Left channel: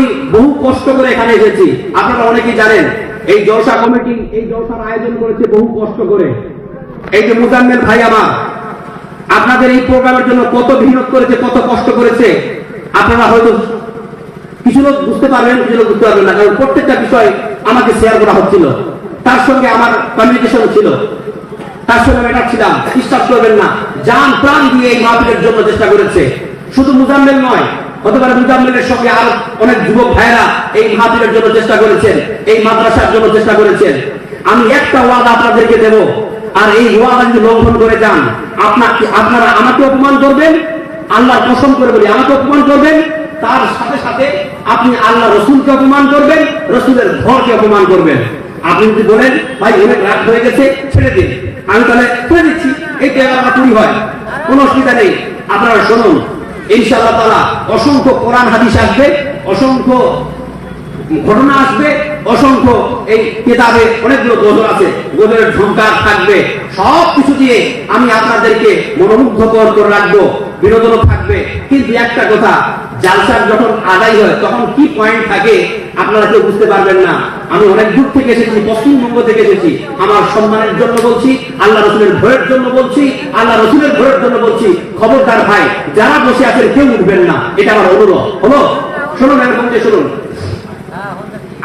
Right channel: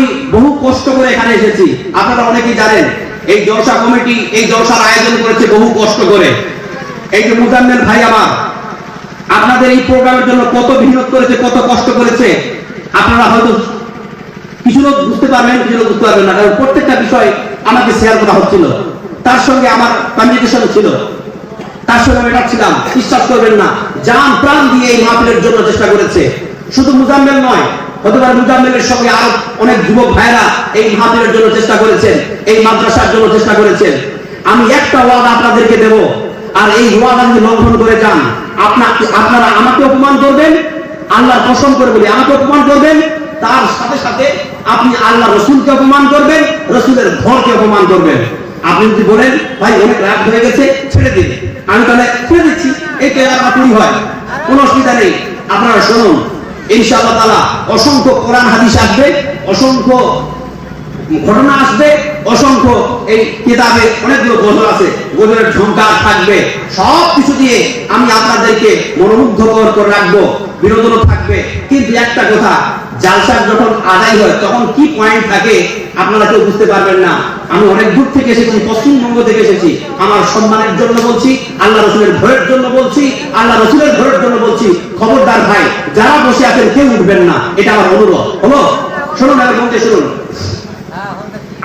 আমি বহু কষ্ট করে এখানে এসেছি। আপনারা অনেকেই জানেন এই জলসা কমিটি এই জলসার আয়োজন করেছে বহু কষ্ট করে। এই যে মুজাম্মেল ভাই আমার, আপনাদের এই প্রোগ্রামের জন্য কত মেহনত করেছে, কত কষ্ট করেছে, আপনারা হয়তো কিছু লোক বুঝতে পারবেন, কিছু লোক বুঝতে পারবেন না, কারণ প্রত্যেকটা বিষয় আমাকে শেয়ার করা হচ্ছিল, তার সঙ্গে আমার কমিউনিকেশন ছিল, তার সঙ্গে আমি ছিলাম। বিশ্বাস করবেন না, জান প্রাণ দিয়ে এই মাহফিলের জন্য চেষ্টা করেছে। শুধু মুজাম্মেল নয়, হতে পারে মুজাম্মেলের সঙ্গে আর অনেক যুবক ভাইরা এই মাহফিলের জন্য চেষ্টা করেছেন, এই মাদ্রাসার জন্য চেষ্টা করেছেন। আমি একটা ওয়াদা আপনাদেরকে দেব, আর এই ওয়াদা যদি লঙ্ঘন করে যান, আপনারা আমাকে অপমান করবেন, আল্লাহর কসম করে বলি আমাকে অপমান করবেন, তার সাথে সাথে আপনি আল্লাহ রসুলকে অপমান করবেন, রসুলের ঘরকে অপমান করবেন। আপনি যদি বলেন ভাই অনেক রাত হয়ে গেছে ছেড়ে দিন, আমি তাহলে ছেড়ে দিচ্ছি, এটা আমার পুরি হয়, কোনো অসুবিধা নেই। আপনারা শুনুন, ইনশাআল্লাহ তাআলা অসংখ্য কোরআন হাদিস আসবে, অসংখ্য ঘটনা আসবে, অসংখ্য এই কিতাবে অনেকগুলো গজল আছে, গজলের ঝঙ্কার থাকবে, সব কিছু দিয়ে আমি আপনাদেরকে মনোমুগ্ধকর করে রাখবো, বিনোদনও থাকবে। কিন্তু একটা কথা, জালসার যখন আদায় হয় তখন কি পয়েন্ট থাকে আপনারা কেউ বুঝতে পারবেন না। আমি অনেক দূর থেকে এসেছি, পশ্চিমবঙ্গ থেকে এসেছি, আমার সম্মানের জন্য বলছি, আল্লাহ রসুলের ভয়ের জন্য বলছি, আল্লাহ রসুলের ভয়ের জন্য বলছি, খবরদার ভাই যারা বসে আছেন কেউ উঠবেন না, এটা আমার অনুরোধ। হলো শুনুন, এরকম শুনুন,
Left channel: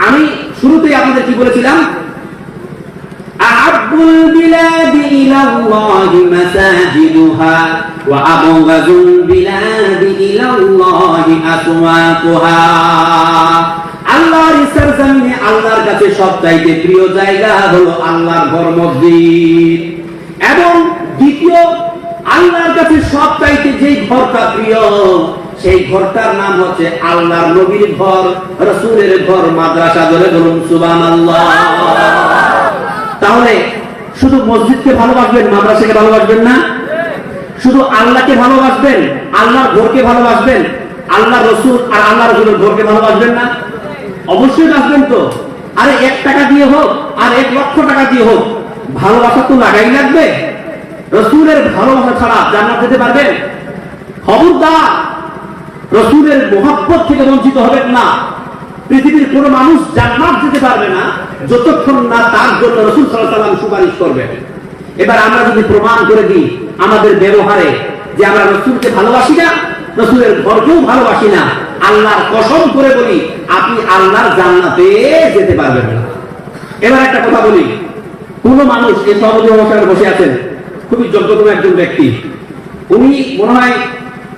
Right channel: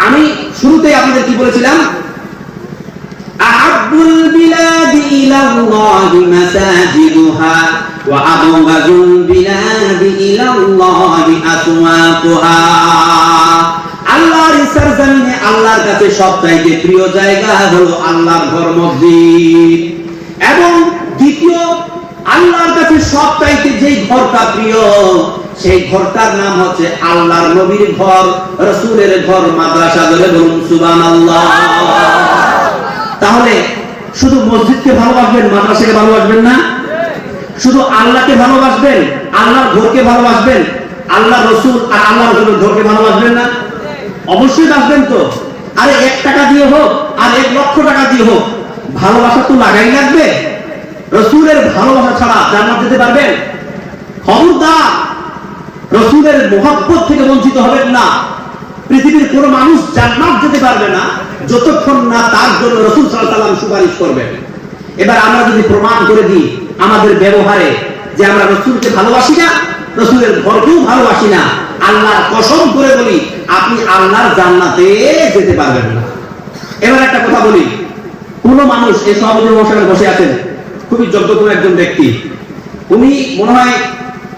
আমি শুরুতেই আপনাদের কি বলেছিলাম, আহাব্বুল বিলাদি ইলাল্লাহি মাসাজিদুহা ওয়া আবগাযুল বিলাদি ইলাল্লাহি আসওয়াকুহা। আল্লাহর সরজমিনে আল্লাহর কাছে সবচাইতে প্রিয় জায়গা হলো আল্লাহর ঘর মসজিদ, এবং দ্বিতীয় আল্লাহর কাছে সবচাইতে যেই ঘরটা প্রিয় সেই ঘরটার নাম হচ্ছে আল্লাহর নবীর ঘর, রাসূলের ঘর, মাদ্রাসা। ধরে বলুন সুবহানাল্লাহ। তাহলে শুধু মসজিদকে ভালোবাসবেন, মাদ্রাসাকে ভালোবাসবেন না, শুধু আল্লাহকে ভালোবাসবেন, আল্লাহর ঘরকে ভালোবাসবেন, আল্লাহ রসুল আর আল্লাহ রসুলের ঘরকে ভালোবাসবেন না? অবশ্যই বাসবেন তো। আরে 1 টাকা দিয়ে হোক আর 1 লক্ষ টাকা দিয়ে হোক, ভালোবাসা তো লাগাই লাগবে। রসুলের ভালোবাসা ছাড়া জান্নাত যেতে পারবেন? খবরদার, রসুলের মহব্বত থেকে বঞ্চিত হবেন না। পৃথিবীর কোন মানুষ জান্নাত যেতে পারবে না যতক্ষণ না তার জন্য রাসূল সাল্লাল্লাহু আলাইহি ওয়াসাল্লাম সুপারিশ করবে। এবার আমরা যদি প্রমাণ করে দিই আমাদের ব্যবহারে যে আমরা রাসূলকে ভালোবাসি না, রাসূলের ঘরকেও ভালোবাসি না, আল্লাহর কসম করে বলি আপনি আল্লাহর জান্নাতে যেতে পারবেন না। এবার একটা কথা বলি, কোন মানুষ এই সভাপতি মহাশয় বসে আছেন, খুবই যোগ্য একজন ব্যক্তি, উনি মনে হয়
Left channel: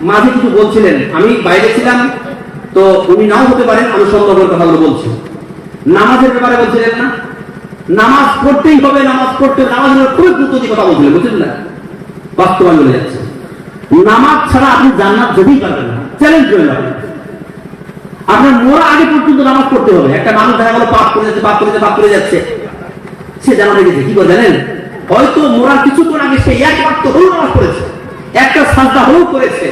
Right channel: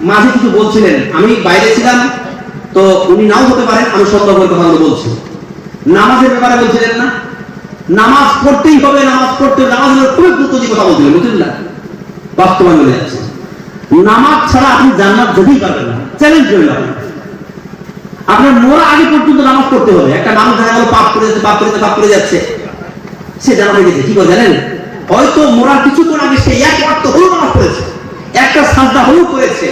মাঝে কিছু বলছিলেন, আমি বাইরে ছিলাম তো উনি নাও হতে পারেন, আমি সন্দেহ করে কথাগুলো বলছি। নামাজের ব্যাপারে বলছিলেন না, নামাজ পড়তেই হবে, নামাজ পড়তে, নামাজের খুব গুরুত্ব দিয়ে কথা বলছিলেন, বুঝলেন না? বাস্তবায়ন হয়ে যাচ্ছে, নামাজ ছাড়া আপনি জান্নাত যেতেই পারবেন না। চ্যালেঞ্জ করে যাবেন, আপনার মরা আগে পর্যন্ত নামাজ পড়তে হবে। একটা মানুষ দেখা গেল পাপ করে যাচ্ছে, পাপ করে যাচ্ছে, সে জান্নাতে গেছে, কি বলে জানেন? হয়তো মরার কিছুক্ষণ আগে সে এক ওয়াক্ত হলেও নামাজ পড়েছে, একটা সাজদা হলেও করেছে।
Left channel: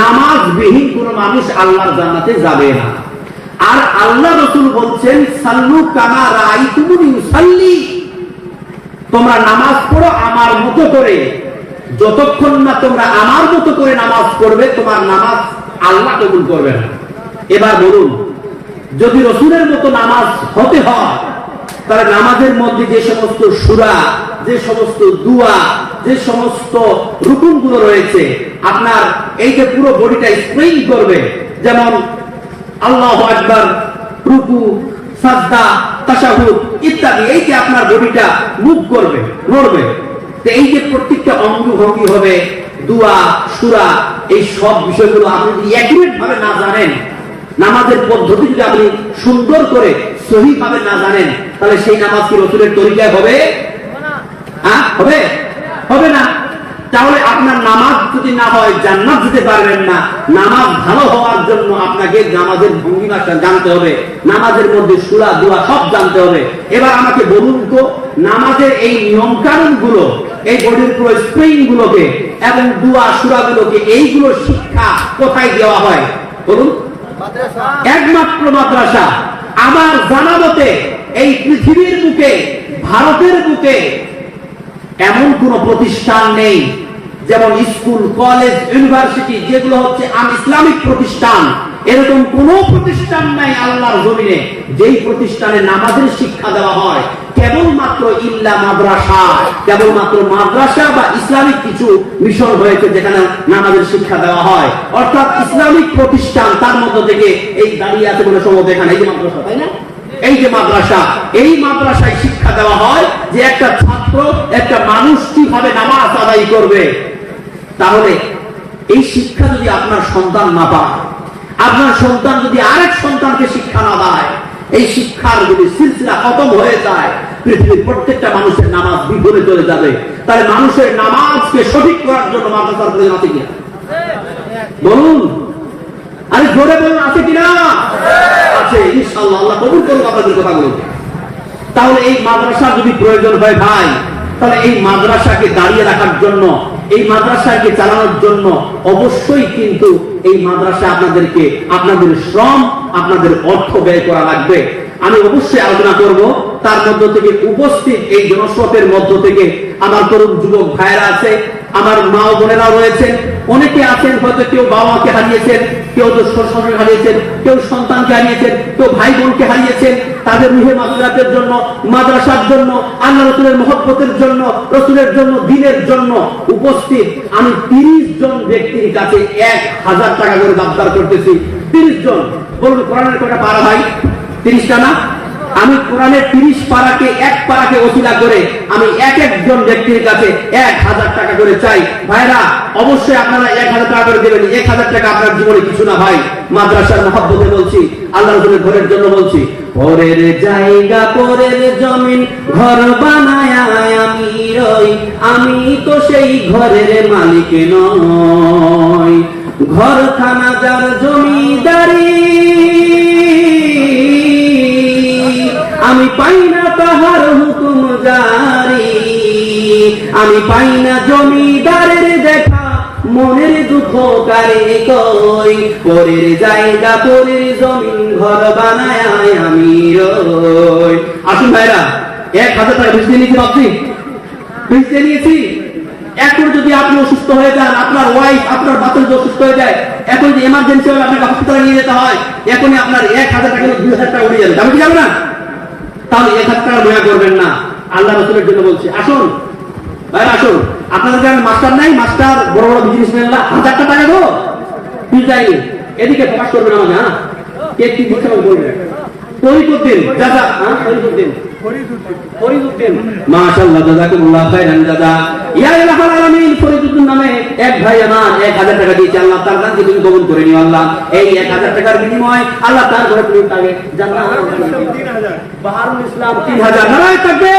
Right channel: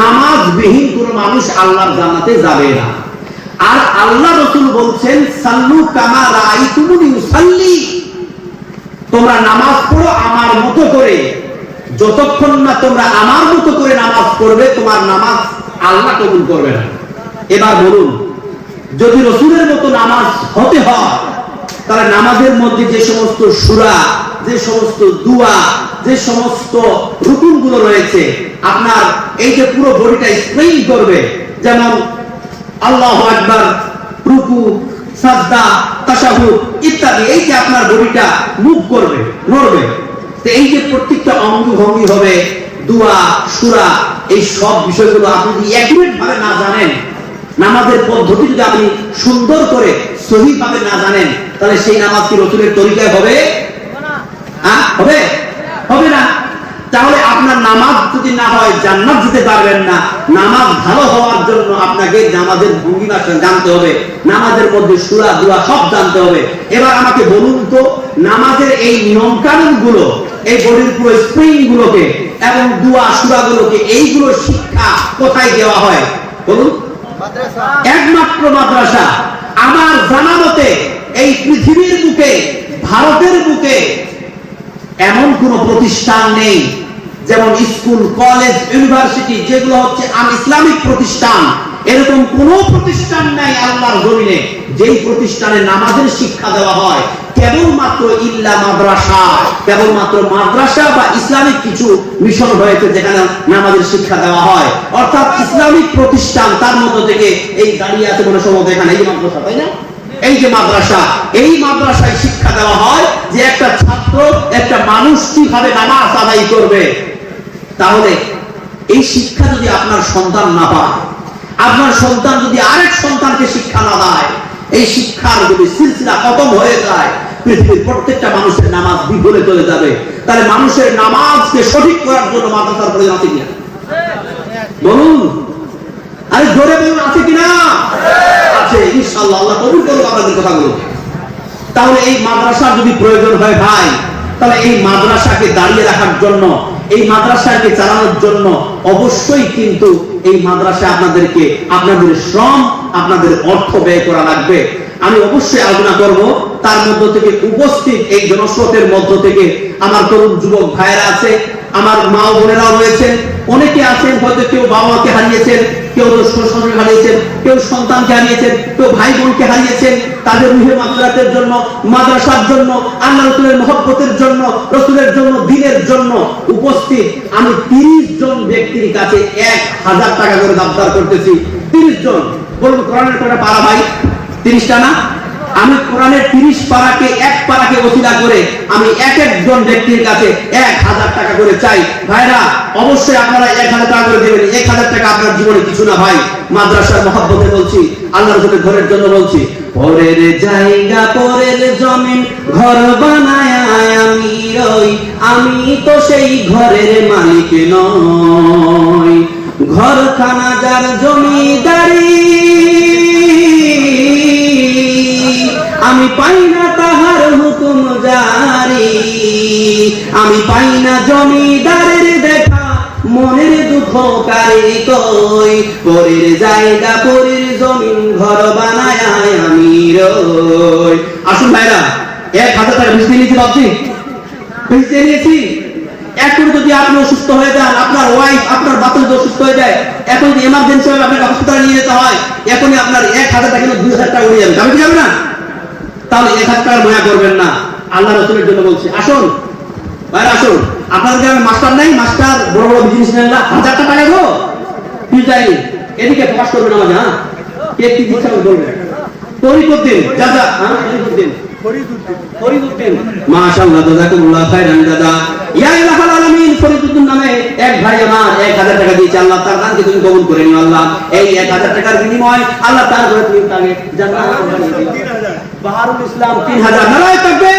নামাজ বিহীন কোন মানুষ আল্লাহর জান্নাতে যাবে না। আর আল্লাহ রাসূল বলছেন সাল্লু কামা রাআইতুমুনি উসাল্লি, তোমরা নামাজ পড়ো আমার মতো করে, যতক্ষণ না তোমরা আমার মতো করে নামাজ পড়বে তোমার নামাজ আল্লাহ কবুল করবে না। এবার বলুন, যদি রাসূলের মতো নামাজ হতে হয় তাহলে নামাজের মধ্যে যে সমস্ত সূরা, যে সমস্ত দুয়া, যে সমস্ত রুকুনগুলো রয়েছে, আপনার এই যে পুরো বডিটা স্ট্রেইন করবে, যেমন আল্লাহু আকবার, রুকু, সাজদা, তাশাহুদ ইত্যাদি, এই যে আপনার বডিটা মুভ করবে, নড়বে, তো এই যে প্রত্যেকটা অঙ্গ ভঙ্গি হবে, দুয়া, সূরা, এই সব বিষয়গুলো আপনি যদি একুরেট ভাবে না জানেন, নামাজের পদ্ধতি যদি আপনি সুন্দর করে সহিভাবে না জানেন, তাহলে সেই নামাজ কি রাসূলের তরিকায় হবে? হ্যাঁ, হবে? হবে না। তাহলে আপনার নামাজ যদি না হয় জান্নাত যেতে পারবেন না। নামাজ ভালো হওয়ার জন্য আপনাকে নামাজের ভঙ্গিমা জানতে হবে, নামাজের মধ্যে সূরা, দোয়া সব জানতে হবে। এবার আমাকে বলুন তো, নামাজের এই নিয়ম কানুন গুলো, এই বডির পুরো স্প্রিং গুলোকে এবং দোয়া, সূরা গুলোকে, এইগুলো শিক্ষা কোথায় দেওয়া হয় বলুন? একমাত্র মাদ্রাসা। আমার জানা মতে এই পৃথিবীর বুকে, ভারতের বুকে এমন কোন প্রতিষ্ঠান নেই, যেমন স্কুল, কলেজ, ইউনিভার্সিটি, যেগুলো হচ্ছে ইসলামিক প্রতিষ্ঠান, এরকম কোন প্রতিষ্ঠান নাই আল্লাহর জমিনে যেই প্রতিষ্ঠানে নামাজের শিক্ষা দেওয়া হয় কেবলমাত্র ইল্লা মাদ্রাসা, কেবলমাত্র মাদ্রাসা বা ইসলামিক কিছু মিশন রয়েছে যেখানে নামাজের শিক্ষা দেওয়া হয়, অর্থাৎ ইসলামিক প্রতিষ্ঠান। তার মধ্যে থেকে এই দাঁড়িয়ে আছে কোনো সময় এখানে এই মাদ্রাসা, তাই না? এই যে মাদ্রাসা, এই মাদ্রাসায় শিক্ষা দেওয়া হয় যে একটা ছাত্র, একটা মানুষ কিভাবে নামাজ আদায় করবে। তাহলে এই শিক্ষা যদি আপনার সন্তান না পায়, আপনার সন্তান যদি আরেক সন্তানকে শিক্ষা না দেয়, এই শিক্ষার যদি সিলসিলা খতম হয়ে যায়, পৃথিবীর প্রত্যেকটা মানুষের নামাজ বিফলে চলে যাবে। তাহলে মানুষের নামাজকে সঠিক করার জন্য মাদ্রাসার প্রয়োজন আছে কিনা বলুন? আরে জোরে বলুন, আছে কিনা? আছে, ইনশাআল্লাহ। আল্লাহ কবুল করুন আপনাদের কথাগুলো। তাহলে এই মাদ্রাসা যদি প্রয়োজন হয় ভাই, তাহলে এই মাদ্রাসাকে দাঁড়িয়ে রাখার জন্য, এই মাদ্রাসাকে চালানোর জন্য অবশ্যই কিন্তু এই মাদ্রাসা আপনাদেরকে আপনাদের শ্রম, আপনাদের অর্থ ব্যয় করা লাগবে। আমি অবশ্যই আলোচনা করব। তার মধ্য থেকে উপস্থিত এই জনস্রোতের মধ্য থেকে আমার তরুণ যুবক ভাইয়েরা আছে, আমার মা বোনেরা রয়েছেন, অনেকে আছেন হয়তো কেউ বাবাকে হারিয়েছেন, কেউ শ্বশুরকে হারিয়েছেন, কেউ সন্তানকে হারিয়েছেন, কেউ ভাই বোনকে হারিয়েছেন। তাদের রুহে মাগফিরাতের জন্য, মাদ্রাসার জন্য, আল্লাহ রাসূলের মহব্বতের জন্য, রাসূলের জন্য, দ্বীনের জন্য উপস্থিত আমি 30 জন ব্যক্তির কাছে 1000 টাকা করে দাবদার করতেছি। 30 জন। বলুন কোরআনের কয়টা পারা ভাই? 30টা না? আমি কোরআনের 30 পারাকে এক পারাকে ওসিলা করে আমি এক একজন ব্যক্তির কাছে 1000 টাকা করে চাই। ভাইরা অবশ্যই আপনারা 1000 টাকা করে দেবেন। 1000 টাকা আপনার জীবনে কিছু না ভাই। মাদ্রাসার মহব্বতে বলছি, আল্লাহ রাসূলের ঘরের জন্য বলছি। পরের জায়গা পরের জমিন ঘর বানায় আমি রই, আমি তো সেই ঘরের মালিক নই। ঘরখানা যার জমিদারি, আমি পাই না তাহার হুকুম জারি। আমি পাই না জমিদারের দেখা, মনের দুঃখ কারে কই। পরের জায়গা পরের জমিন ঘর বানায় আমি রই। আসুন ভাইরা, 1000 টাকা বুঝতে নিয়েছি, ভাবছি বুঝতে নিয়েছি। এখন যদি আপনি অসুস্থ হয়ে যান, আপনার ওয়াইফ, আপনার বাচ্চা যদি অসুস্থ হয়ে যায়, এখন যদি এমার্জেন্সি হবে, আপনাকে হসপিটালে নিয়ে যেতে হয়, এখনই আপনার 1000 টাকা 2000 টাকা উড়ে যাবে, যাবে কি যাবে না? তাহলে 1000 টাকা মায়া করবেন না। আল্লাহ রাসূলের জন্য বলছি, আসুন ভাইরা আসুন। আপনাদের গ্রামে মাস্টার নাই? মাস্টার বড় বড় বিজনেসম্যানরা 1000 টাকা দেবো তুই যাইনি, এদিকে প্রকাশ করবেন আমাকে। হ্যাঁ, কে কি দিচ্ছে বলবেন? ফরিদউদ্দিন দাদা, ফরিদউদ্দিন মাশাআল্লাহ, জাযাকুমুল্লাহ খাইরান দাদা। ইয়া ইলাহাল আলামিন, ফরিদউদ্দিন নামে এক ভাই আমার 1000 টাকা দিয়েছে। আল্লাহ তার দানকে তুমি কবুল করে নিও আল্লাহ। এই 1000 টাকার বিনিময়ে আল্লাহ তার ঘরে তুমি তাকে জান্নাত বানিয়ে দিও। 3000 বাহারুল ইসলাম 3000। নারায়ে তাকবীর।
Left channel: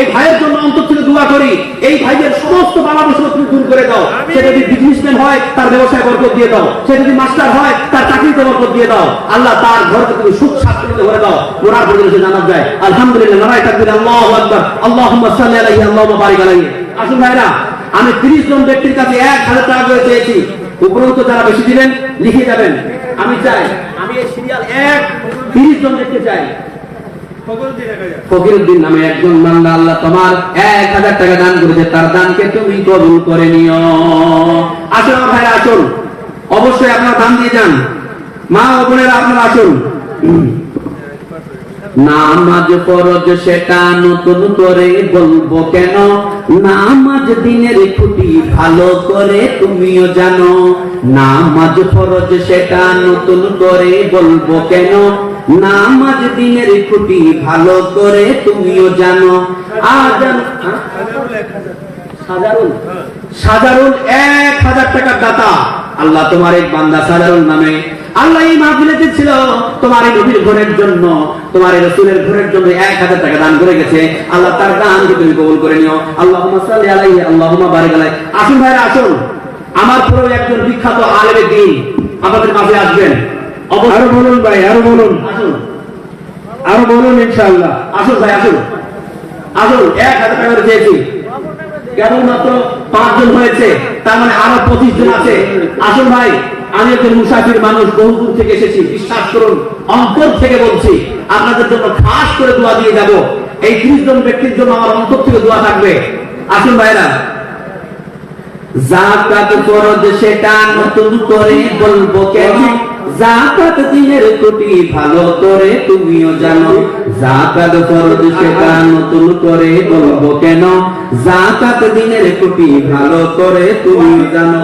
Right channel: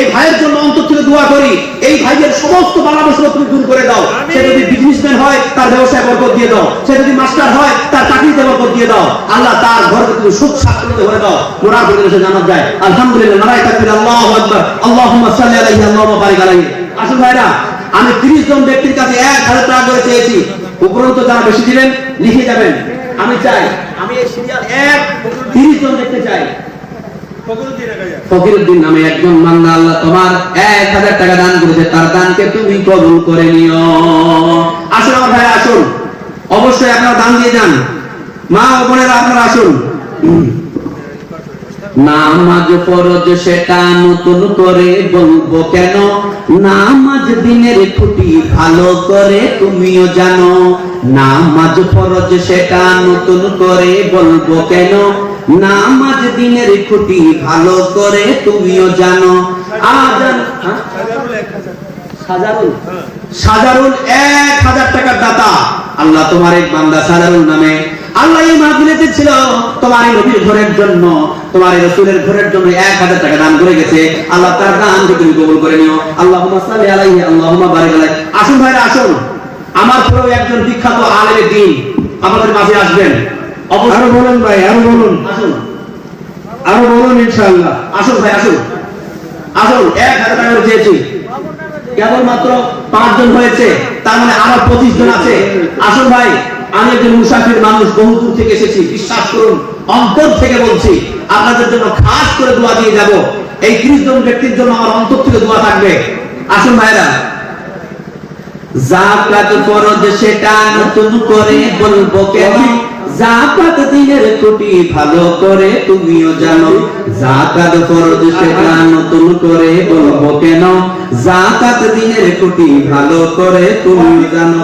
এই ভাইয়ের জন্য অন্তর থেকে দোয়া করি, এই ভাইয়ের সমস্ত বালা মুসিবত তুমি দূর করে দাও। সে যদি বিজনেসম্যান হয়, তার ব্যবসায় বরকত দিয়ে দাও। সে যদি মাস্টার হয়, তার চাকরিতে বরকত দিয়ে দাও। আল্লাহ তার ঘরকে তুমি সুখ শান্তিতে ভরে দাও। ওনার ঘরে এসে জানাত যায় আলহামদুলিল্লাহ। নারায়ে তাকবীর, আল্লাহু আকবার, আল্লাহুম্মা সাল্লি আলাইহি, আল্লাহুম্মা বারিক আলাইহি। আসুন ভাইরা, আমি 30 জন ব্যক্তির কাছে 1000 টাকা করে চেয়েছি। উপরন্ত যারা বেশি দিবেন লিখে যাবেন। আমি চাই, আমি এই সিরিয়াল 30 জন দেখতে চাই। ফকিরউদ্দিন নামে একজন বান্দা, আল্লাহ তোমার 1000 টাকা দান করেছে, তার দানকে তুমি কবুল করে নিও। আসুন আমার ভাই, আসুন, অবশ্যই আপনারা দান দিয়ে যান। মা ও বোনেরা আপনারা আসুন। নামাজ ফরজ সেটা নতুন করে বলবো কেন, নামাজ দিনের ছুটি ভালো করে তুমিও জানো। নামাজ ফরজ সেটা নতুন করে বলবো কেন, নামাজ দিনের ছুটি ভালো করে তুমিও জানো। আজান সাজারুল 1000 টাকার দাতা। আল্লাহ তোমার এক বান্দা সাজারুল নামে, আল্লাহ এই মাহফিলেতে ছিল তোমার এই নবীর ঘরের জন্য, তোমার এই রাসূলের ঘরের জন্য 1000 টাকা দান করে গেছে। আল্লাহ তার দানকে তুমি কবুল করে নিও। আল্লাহুম্মা সাল্লি আলাইহি, আল্লাহুম্মা বারিক আলাইহি। আসুন ভাইরা আসুন, আমার প্রিয় একজন বিখ্যাত আলেমের দ্বীন আমাদের মাঝে আসবেন। আরো বলুন ভাই, আরো বলুন, আসুন আরো বলুন ইনশাআল্লাহ। আসুন ভাই, আসুন আসুন। 1000 টাকা করে চেয়েছি, কেবলমাত্র 5 জন হয়েছে, তার মানে আরো 25 জন আছে। আসুন ভাই, আমি একজন মুসাফির মানুষ, বহু দূর থেকে এসেছি। বিশ্বাস করুন, অন্তর থেকে বলছি, আপনাদের জন্য খাস করে দোয়া দিয়ে যাব। এই 30 জন ব্যক্তির জন্য আমার অন্তর থেকে দোয়া থাকবে। আসুন ভাইরা, যাকাত ফরজ সেটা নতুন করে বলবো কেন, যাকাত দিনের কোটি ভালো করে তুমিও জানো, যাকাত ফরজ সেটা নতুন করে বলবো কেন, যাকাত দিনের কোটি ভালো করে তুমি জানো।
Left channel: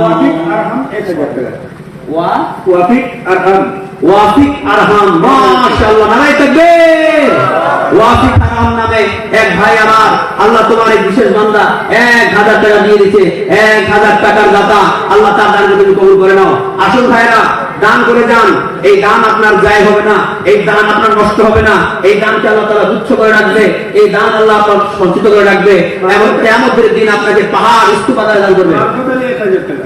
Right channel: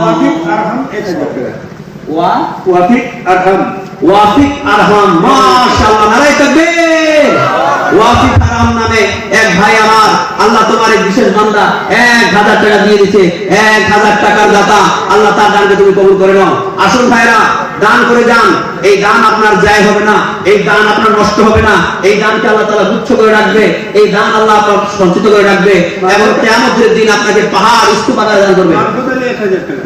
ওয়াফিক আরহাম, ওয়াফিক আরহাম, মাশাআল্লাহ, নারায়ে তাকবীর। ওয়াফিক আরহাম নামে এক ভাই আমার, আল্লাহ তোমার এই বিশেষ বান্দা 1000 টাকা দিয়ে দিয়েছে, 1000 টাকার দাতা, আল্লাহ তার দানকে তুমি কবুল করে নাও। আসুন ভাইরা, দান করে যান, এই দান আপনার যায় হবে না, এই দান আপনার নষ্ট হবে না, এই দানকে আল্লাহ তাআলা গুচ্ছ করে রাখবে, এই দান আল্লাহ আপনার সঞ্চিত করে রাখবে এবং কিয়ামতের দিন আপনাকে পাহাড় স্তূপ আদায় দান করবে।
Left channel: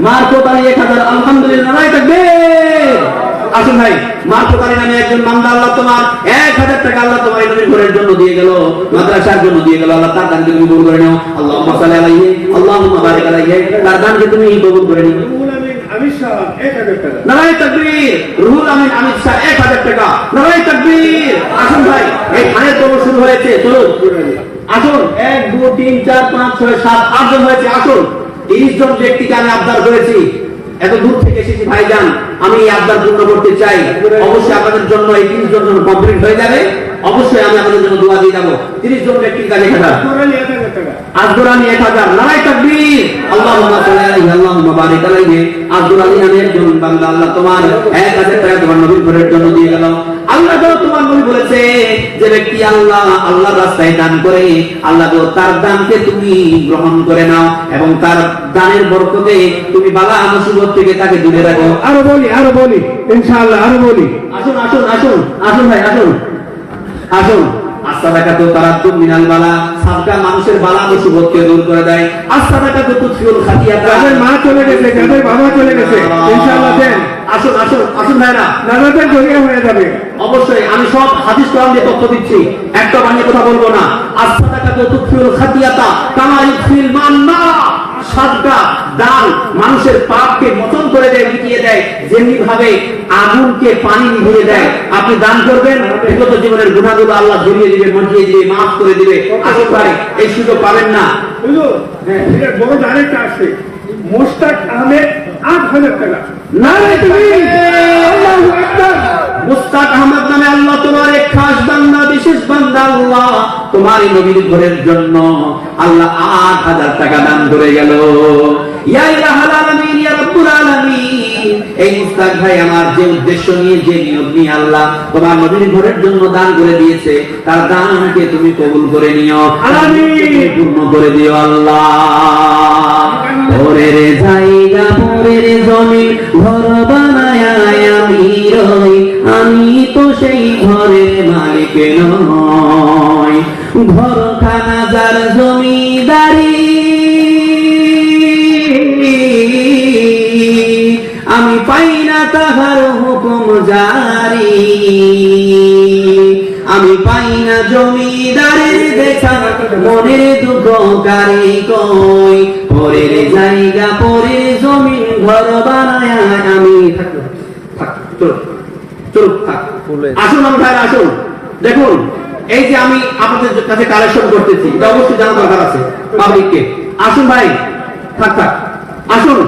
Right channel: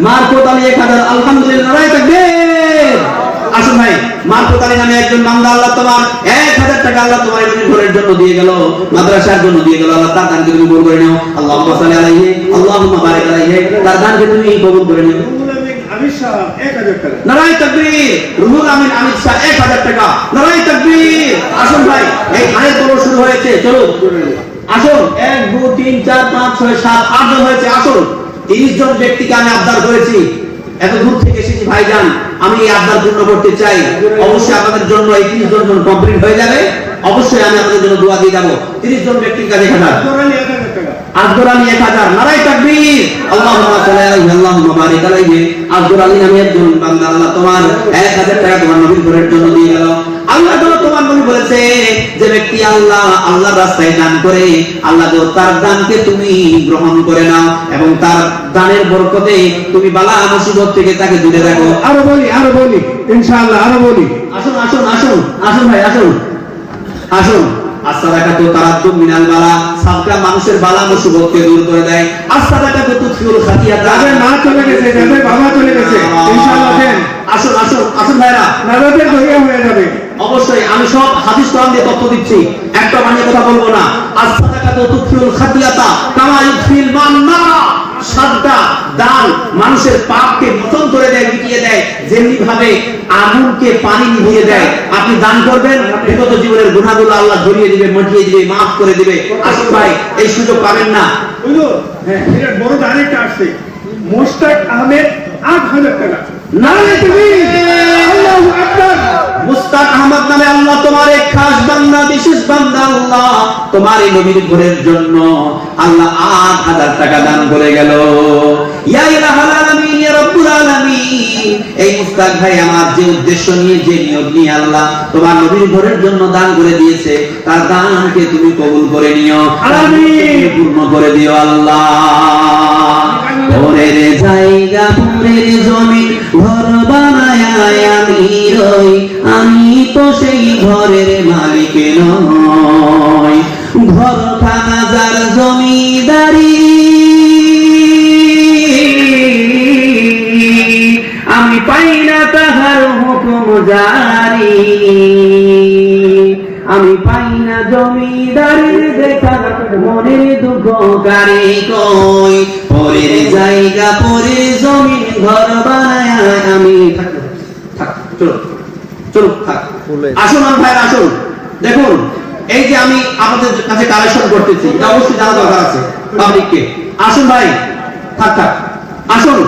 মারফত আলী 1000, আলহামদুলিল্লাহ, নারায়ে তাকবীর। আসুন ভাই, মারফত আলী নামে একজন বান্দা, আল্লাহ তোমার 1000 টাকা আল্লাহ তোমার এই ঘরের জন্য দিয়ে গেল, মাদ্রাসার জন্য দিয়ে গেল, আল্লাহ তার দানকে তুমি কবুল করে নাও। আল্লাহুম্মা সাল্লি আলাইহি, আল্লাহুম্মা বারিক আলাইহি, তার দানকে তুমি কবুল করে নাও। নারায়ে তাকবীর। রুহুল আমিন আমির শাহ 1000 টাকা, নারায়ে তাকবীর। আসুন ভাই, এই আয়াত শুরু হয়েছে, চলো আসুন, 1 2 3 4 5 6 7 8 জন হয়েছে। আসুন, 30 জন ব্যক্তিকে আমি আবদার করেছি, এত দূর থেকে এসেছি ভাইজান, আমি এই আবদার পূর্ণ করতে চাই। অবশ্যই আপনাদের জন্য এই 30 জন কমপ্লিট হয়ে যাবে, অবশ্যই আমি আপনাদের জন্য দোয়া দিয়ে যাব। 30 জন ব্যক্তির কাছে 1000, আজগরানি 1000, নারায়ে তাকবীর। আল্লাহুম্মা সাল্লি আলাইহি, আল্লাহুম্মা বারিক আলাইহি। আজগরানি নামে একজন বান্দা, আল্লাহ তোমার 1000 টাকা তোমার নবীর ঘরের জন্য দিয়ে গেল। আল্লাহ তোমার নবী বলেছে, যে ব্যক্তি আল্লাহর রাস্তায় দান করে, আল্লাহ তার দানকে তুমি গ্রহণ করে নাও এবং তার দানের বরকতে তুমি বালা মুসিবত থেকে তাকে দূরে রাখো। আরো বলি ইনশাআল্লাহ, আরো বলি। আসুন আসুন আসুন আসুন ভাই, আসুন আসুন। as-সাদাকাতু তারাদ্দু মিনাল বালা, সাদকা মানুষের বালা মুসিবতকে দূর করে দেয়। as-সাদাকাতু তুতফিউল খাতিয়াতা, তাদের মা চলে গেছে, তাদের বাবা চলে গেছে, ইনশাআল্লাহ দেন। আসুন আসুন আসুন ভাইরা, নানাদের দরিয়া হয়ে যাবে। অবশ্যই আমি সব হাদিস কোরআন দিয়ে তথ্য দিচ্ছি, একটা বানিয়ে কথা বলবো না। as-সাদাকাতু তুতফিউল খাতিয়াতা কামা ইউতফিল মান নারা, সাদকা দান মানুষের পাপকে মোচন করে দেয়, মিটিয়ে দেয়, যেমনি ভাবে আগুনকে পানি নিভিয়ে দেয়। আপনি দান করবেন, বিগত জীবনের গুনাহগুলো আল্লাহ ধরিয়ে দিবে, মিটিয়ে দিবে, maaf করে দিবে। আসুন ভাই, এই সুযোগ পাবেন না। বুঝলো? হ্যাঁ, এটা বড় দানেরটা আসছে, মোস্তাক আহমেদ 8000 টাকা। নারায়ে তাকবীর, আল্লাহু আকবার। মুস্তাক আহমদ নামে আল্লাহ তোমার এক খাস বান্দা, বিশেষ বান্দা, আল্লাহ তোমার এই নবীর ঘরের জন্য আল্লাহ 8000 টাকা দান করে গেল। ইয়া ইলাহাল আলামিন, ইয়া রাব্বুল আলামিন, এই মুস্তাক ভাই আমার যে উদ্দেশ্য নিয়ে, যে নিয়ত নিয়ে আল্লাহ তোমার নবীর ঘরের জন্য দান করে দিয়েছে, তার দানকে তুমি কবুল করে নিও, আমিন, পূর্ণ করে দিও আল্লাহ। ঘরের জায়গা, ঘরের জমি, ঘর বানায় আমি রই, আমি তো সেই ঘরের মালিক নই। ঘরখানা যার জমিদারি, আমি পাই না তাহার হুকুম জারি, আমি পাই না জমিদারের দেখা, মনের দুঃখ কারে কই। পরের জায়গা, পরের জমি, ঘর বানায় আমি আসুন ভাই, আসুন। দেখুন, এই যে আমি আপনাদের কাছে কালেকশন করতেছি, এটা অবশ্যই জানা দরকার আছে পাবলিককে। আসুন ভাই, থাক থাক, আসুন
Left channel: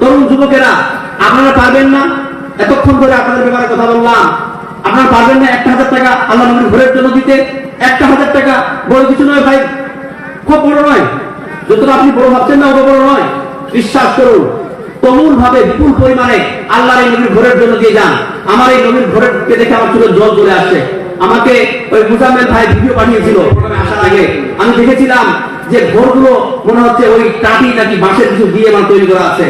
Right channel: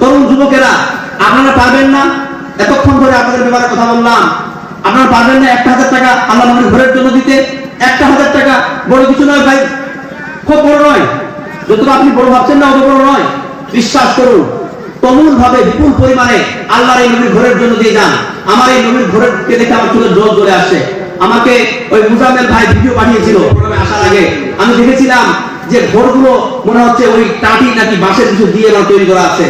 তরুণ যুবকেরা, আপনারা পারবেন না, এতক্ষণ ধরে আপনাদের ব্যাপারে কথা বললাম, আপনারা পারবেন না 1000 টাকা আল্লাহ নবীর ঘরের জন্য দিতে? 1000 টাকা বড় কিছু নয় ভাই, খুব বড় নয়। যতটা আপনি বড় ভাবছেন না, অত বড় নয়। বিশ্বাস করুন, তমুল ভাবে বিপুল পরিমাণে আল্লাহর এই নবীর ঘরের জন্য দিয়ে যান। আমার এই নবীর ঘরকে দেখে আমার চোখে জল চলে আসে। আমাকে ওই মুজাম্মেল ভাই ভিডিও পাঠিয়েছিল আসার আগে, আমি দেখেছিলাম যে ঘরগুলো মনে হচ্ছে ওই টাটি নাকি বাঁশের কিছু দিয়ে তৈরি করা আছে।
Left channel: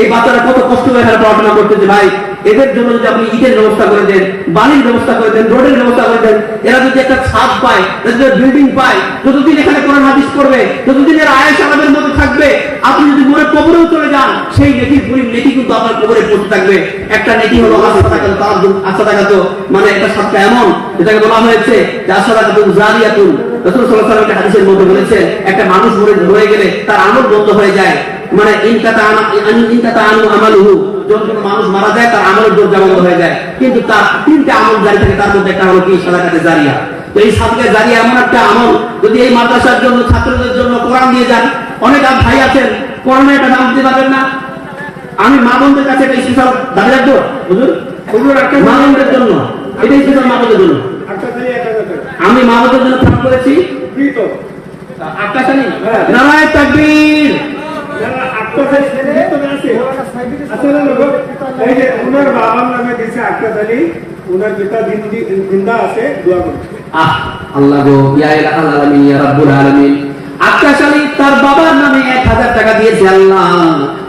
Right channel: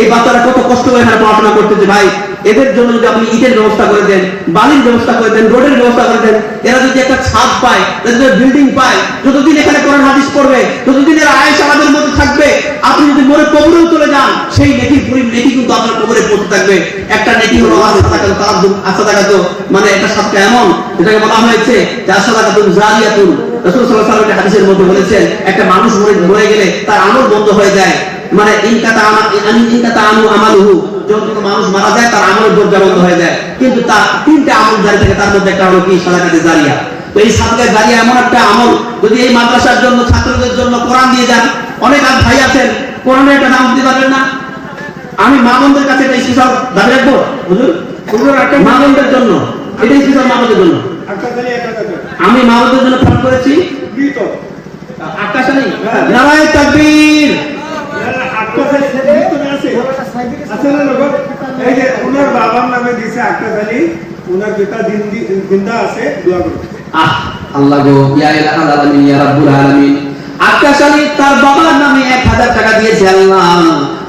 এই বাচ্চারা কত কষ্ট করে পড়াশোনা করতেছে ভাই, এদের জন্য যদি আপনি ইটের ব্যবস্থা করে দেন, বালির ব্যবস্থা করে দেন, রোডের ব্যবস্থা করে দেন, এরা যদি একটা ছাদ পায়, বিল্ডিং পায়, যতদিন এখানে কোরআন হাদিস পড়বে, ততদিন এরা আয়েশ আমাদের মধ্যে থাকবে। আপনি যদি মরে কবরেও চলে যান, সেই নেকি পুরি নেকি কিন্তু আপনার কবরে পড়তে থাকবে। একটা নেকি হলো আসাদাকাত, মানে একটা সাদকা এমন, যেটাকে বলা হয়েছে যে আসাদাকাতুন জারিয়াতুন। রাসূল সাল্লাল্লাহু আলাইহি ওয়াসাল্লাম হাদিসের মধ্যে বলেছেন, একটা মানুষ মরে গেলে তার আমল বন্ধ হয়ে যায়, মানে ইনকাতা আমালুহু, যখন মানুষ মারা যায় তার আমলের দরজা বন্ধ হয়ে যায়, কিন্তু তার 3টা আমল জারি থাকে, তার মধ্যে একটা হলো কি সাদাকাতে জারিয়া। তো এই সাদকা জারিয়া এমন একটা আমল, যদি এই মাদ্রাসার জন্য, ছাত্রদের জন্য কোরআন দিয়ে যান, অনেক ভাই আছেন কোরআনে একটা দাম দিতে পারবেন না? আমি মা বোনদের কাছে এটা স্পেশাল দাবি রাখবো হুজুর, হুজুর একটা মা বোনদের জন্য এটা স্পেশাল মা বোনদের জন্য একটা খালি 1000 টাকা আমি মা বোনদের জন্য ফোন করেছি। ফ্রি তো আকাশ আলী হ্যাঁ। নারায়ণ তাকবীর। যারা একটা খালি ফ্রি তো আছে আচ্ছা না লোক এই যে ওনার বাবার নামে দিয়েছে একটা খালি ওনার পিতা জিন্দা আছে দোয়া করুন। আল্লাহ গো ইয়া ইলাহাল আলামিন ইয়া রাব্বুল আলামিন। আকাশ আলী তার বাবার নামে 1000 টাকা দিয়েছে আল্লাহ,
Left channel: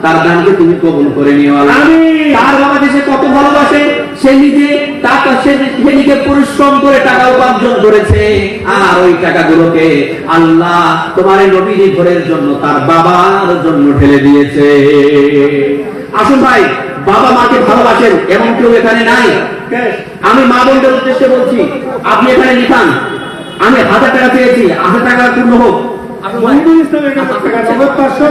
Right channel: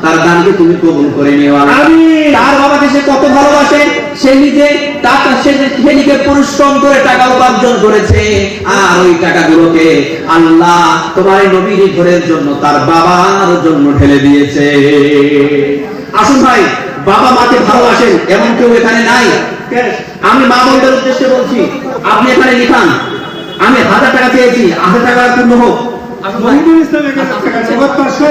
তার দানকে তুমি কবুল করে নিও আল্লাহ। আমিন। তার বাবাকে সে কত ভালোবাসে, সে নিজে টাকা সে নিজে পরিশ্রম করে টাকা উপার্জন করেছে, আর ওই টাকাগুলোকে আল্লাহ তোমার এই নবীর ঘরের জন্য তার বাবার জন্য ঢেলে দিয়েছে। আসুন ভাই, বাবা মাকে ভালোবাসেন এমন কেউ এখানে নাই। আমি মা বোনদের উদ্দেশ্যে বলছি, আপনি এখানে লিখান আমি 1000 টাকা চেয়েছি, 1000 টাকা পূর্ণ হোক। মহিদুল ইসলাম 1000 টাকা নগদ 500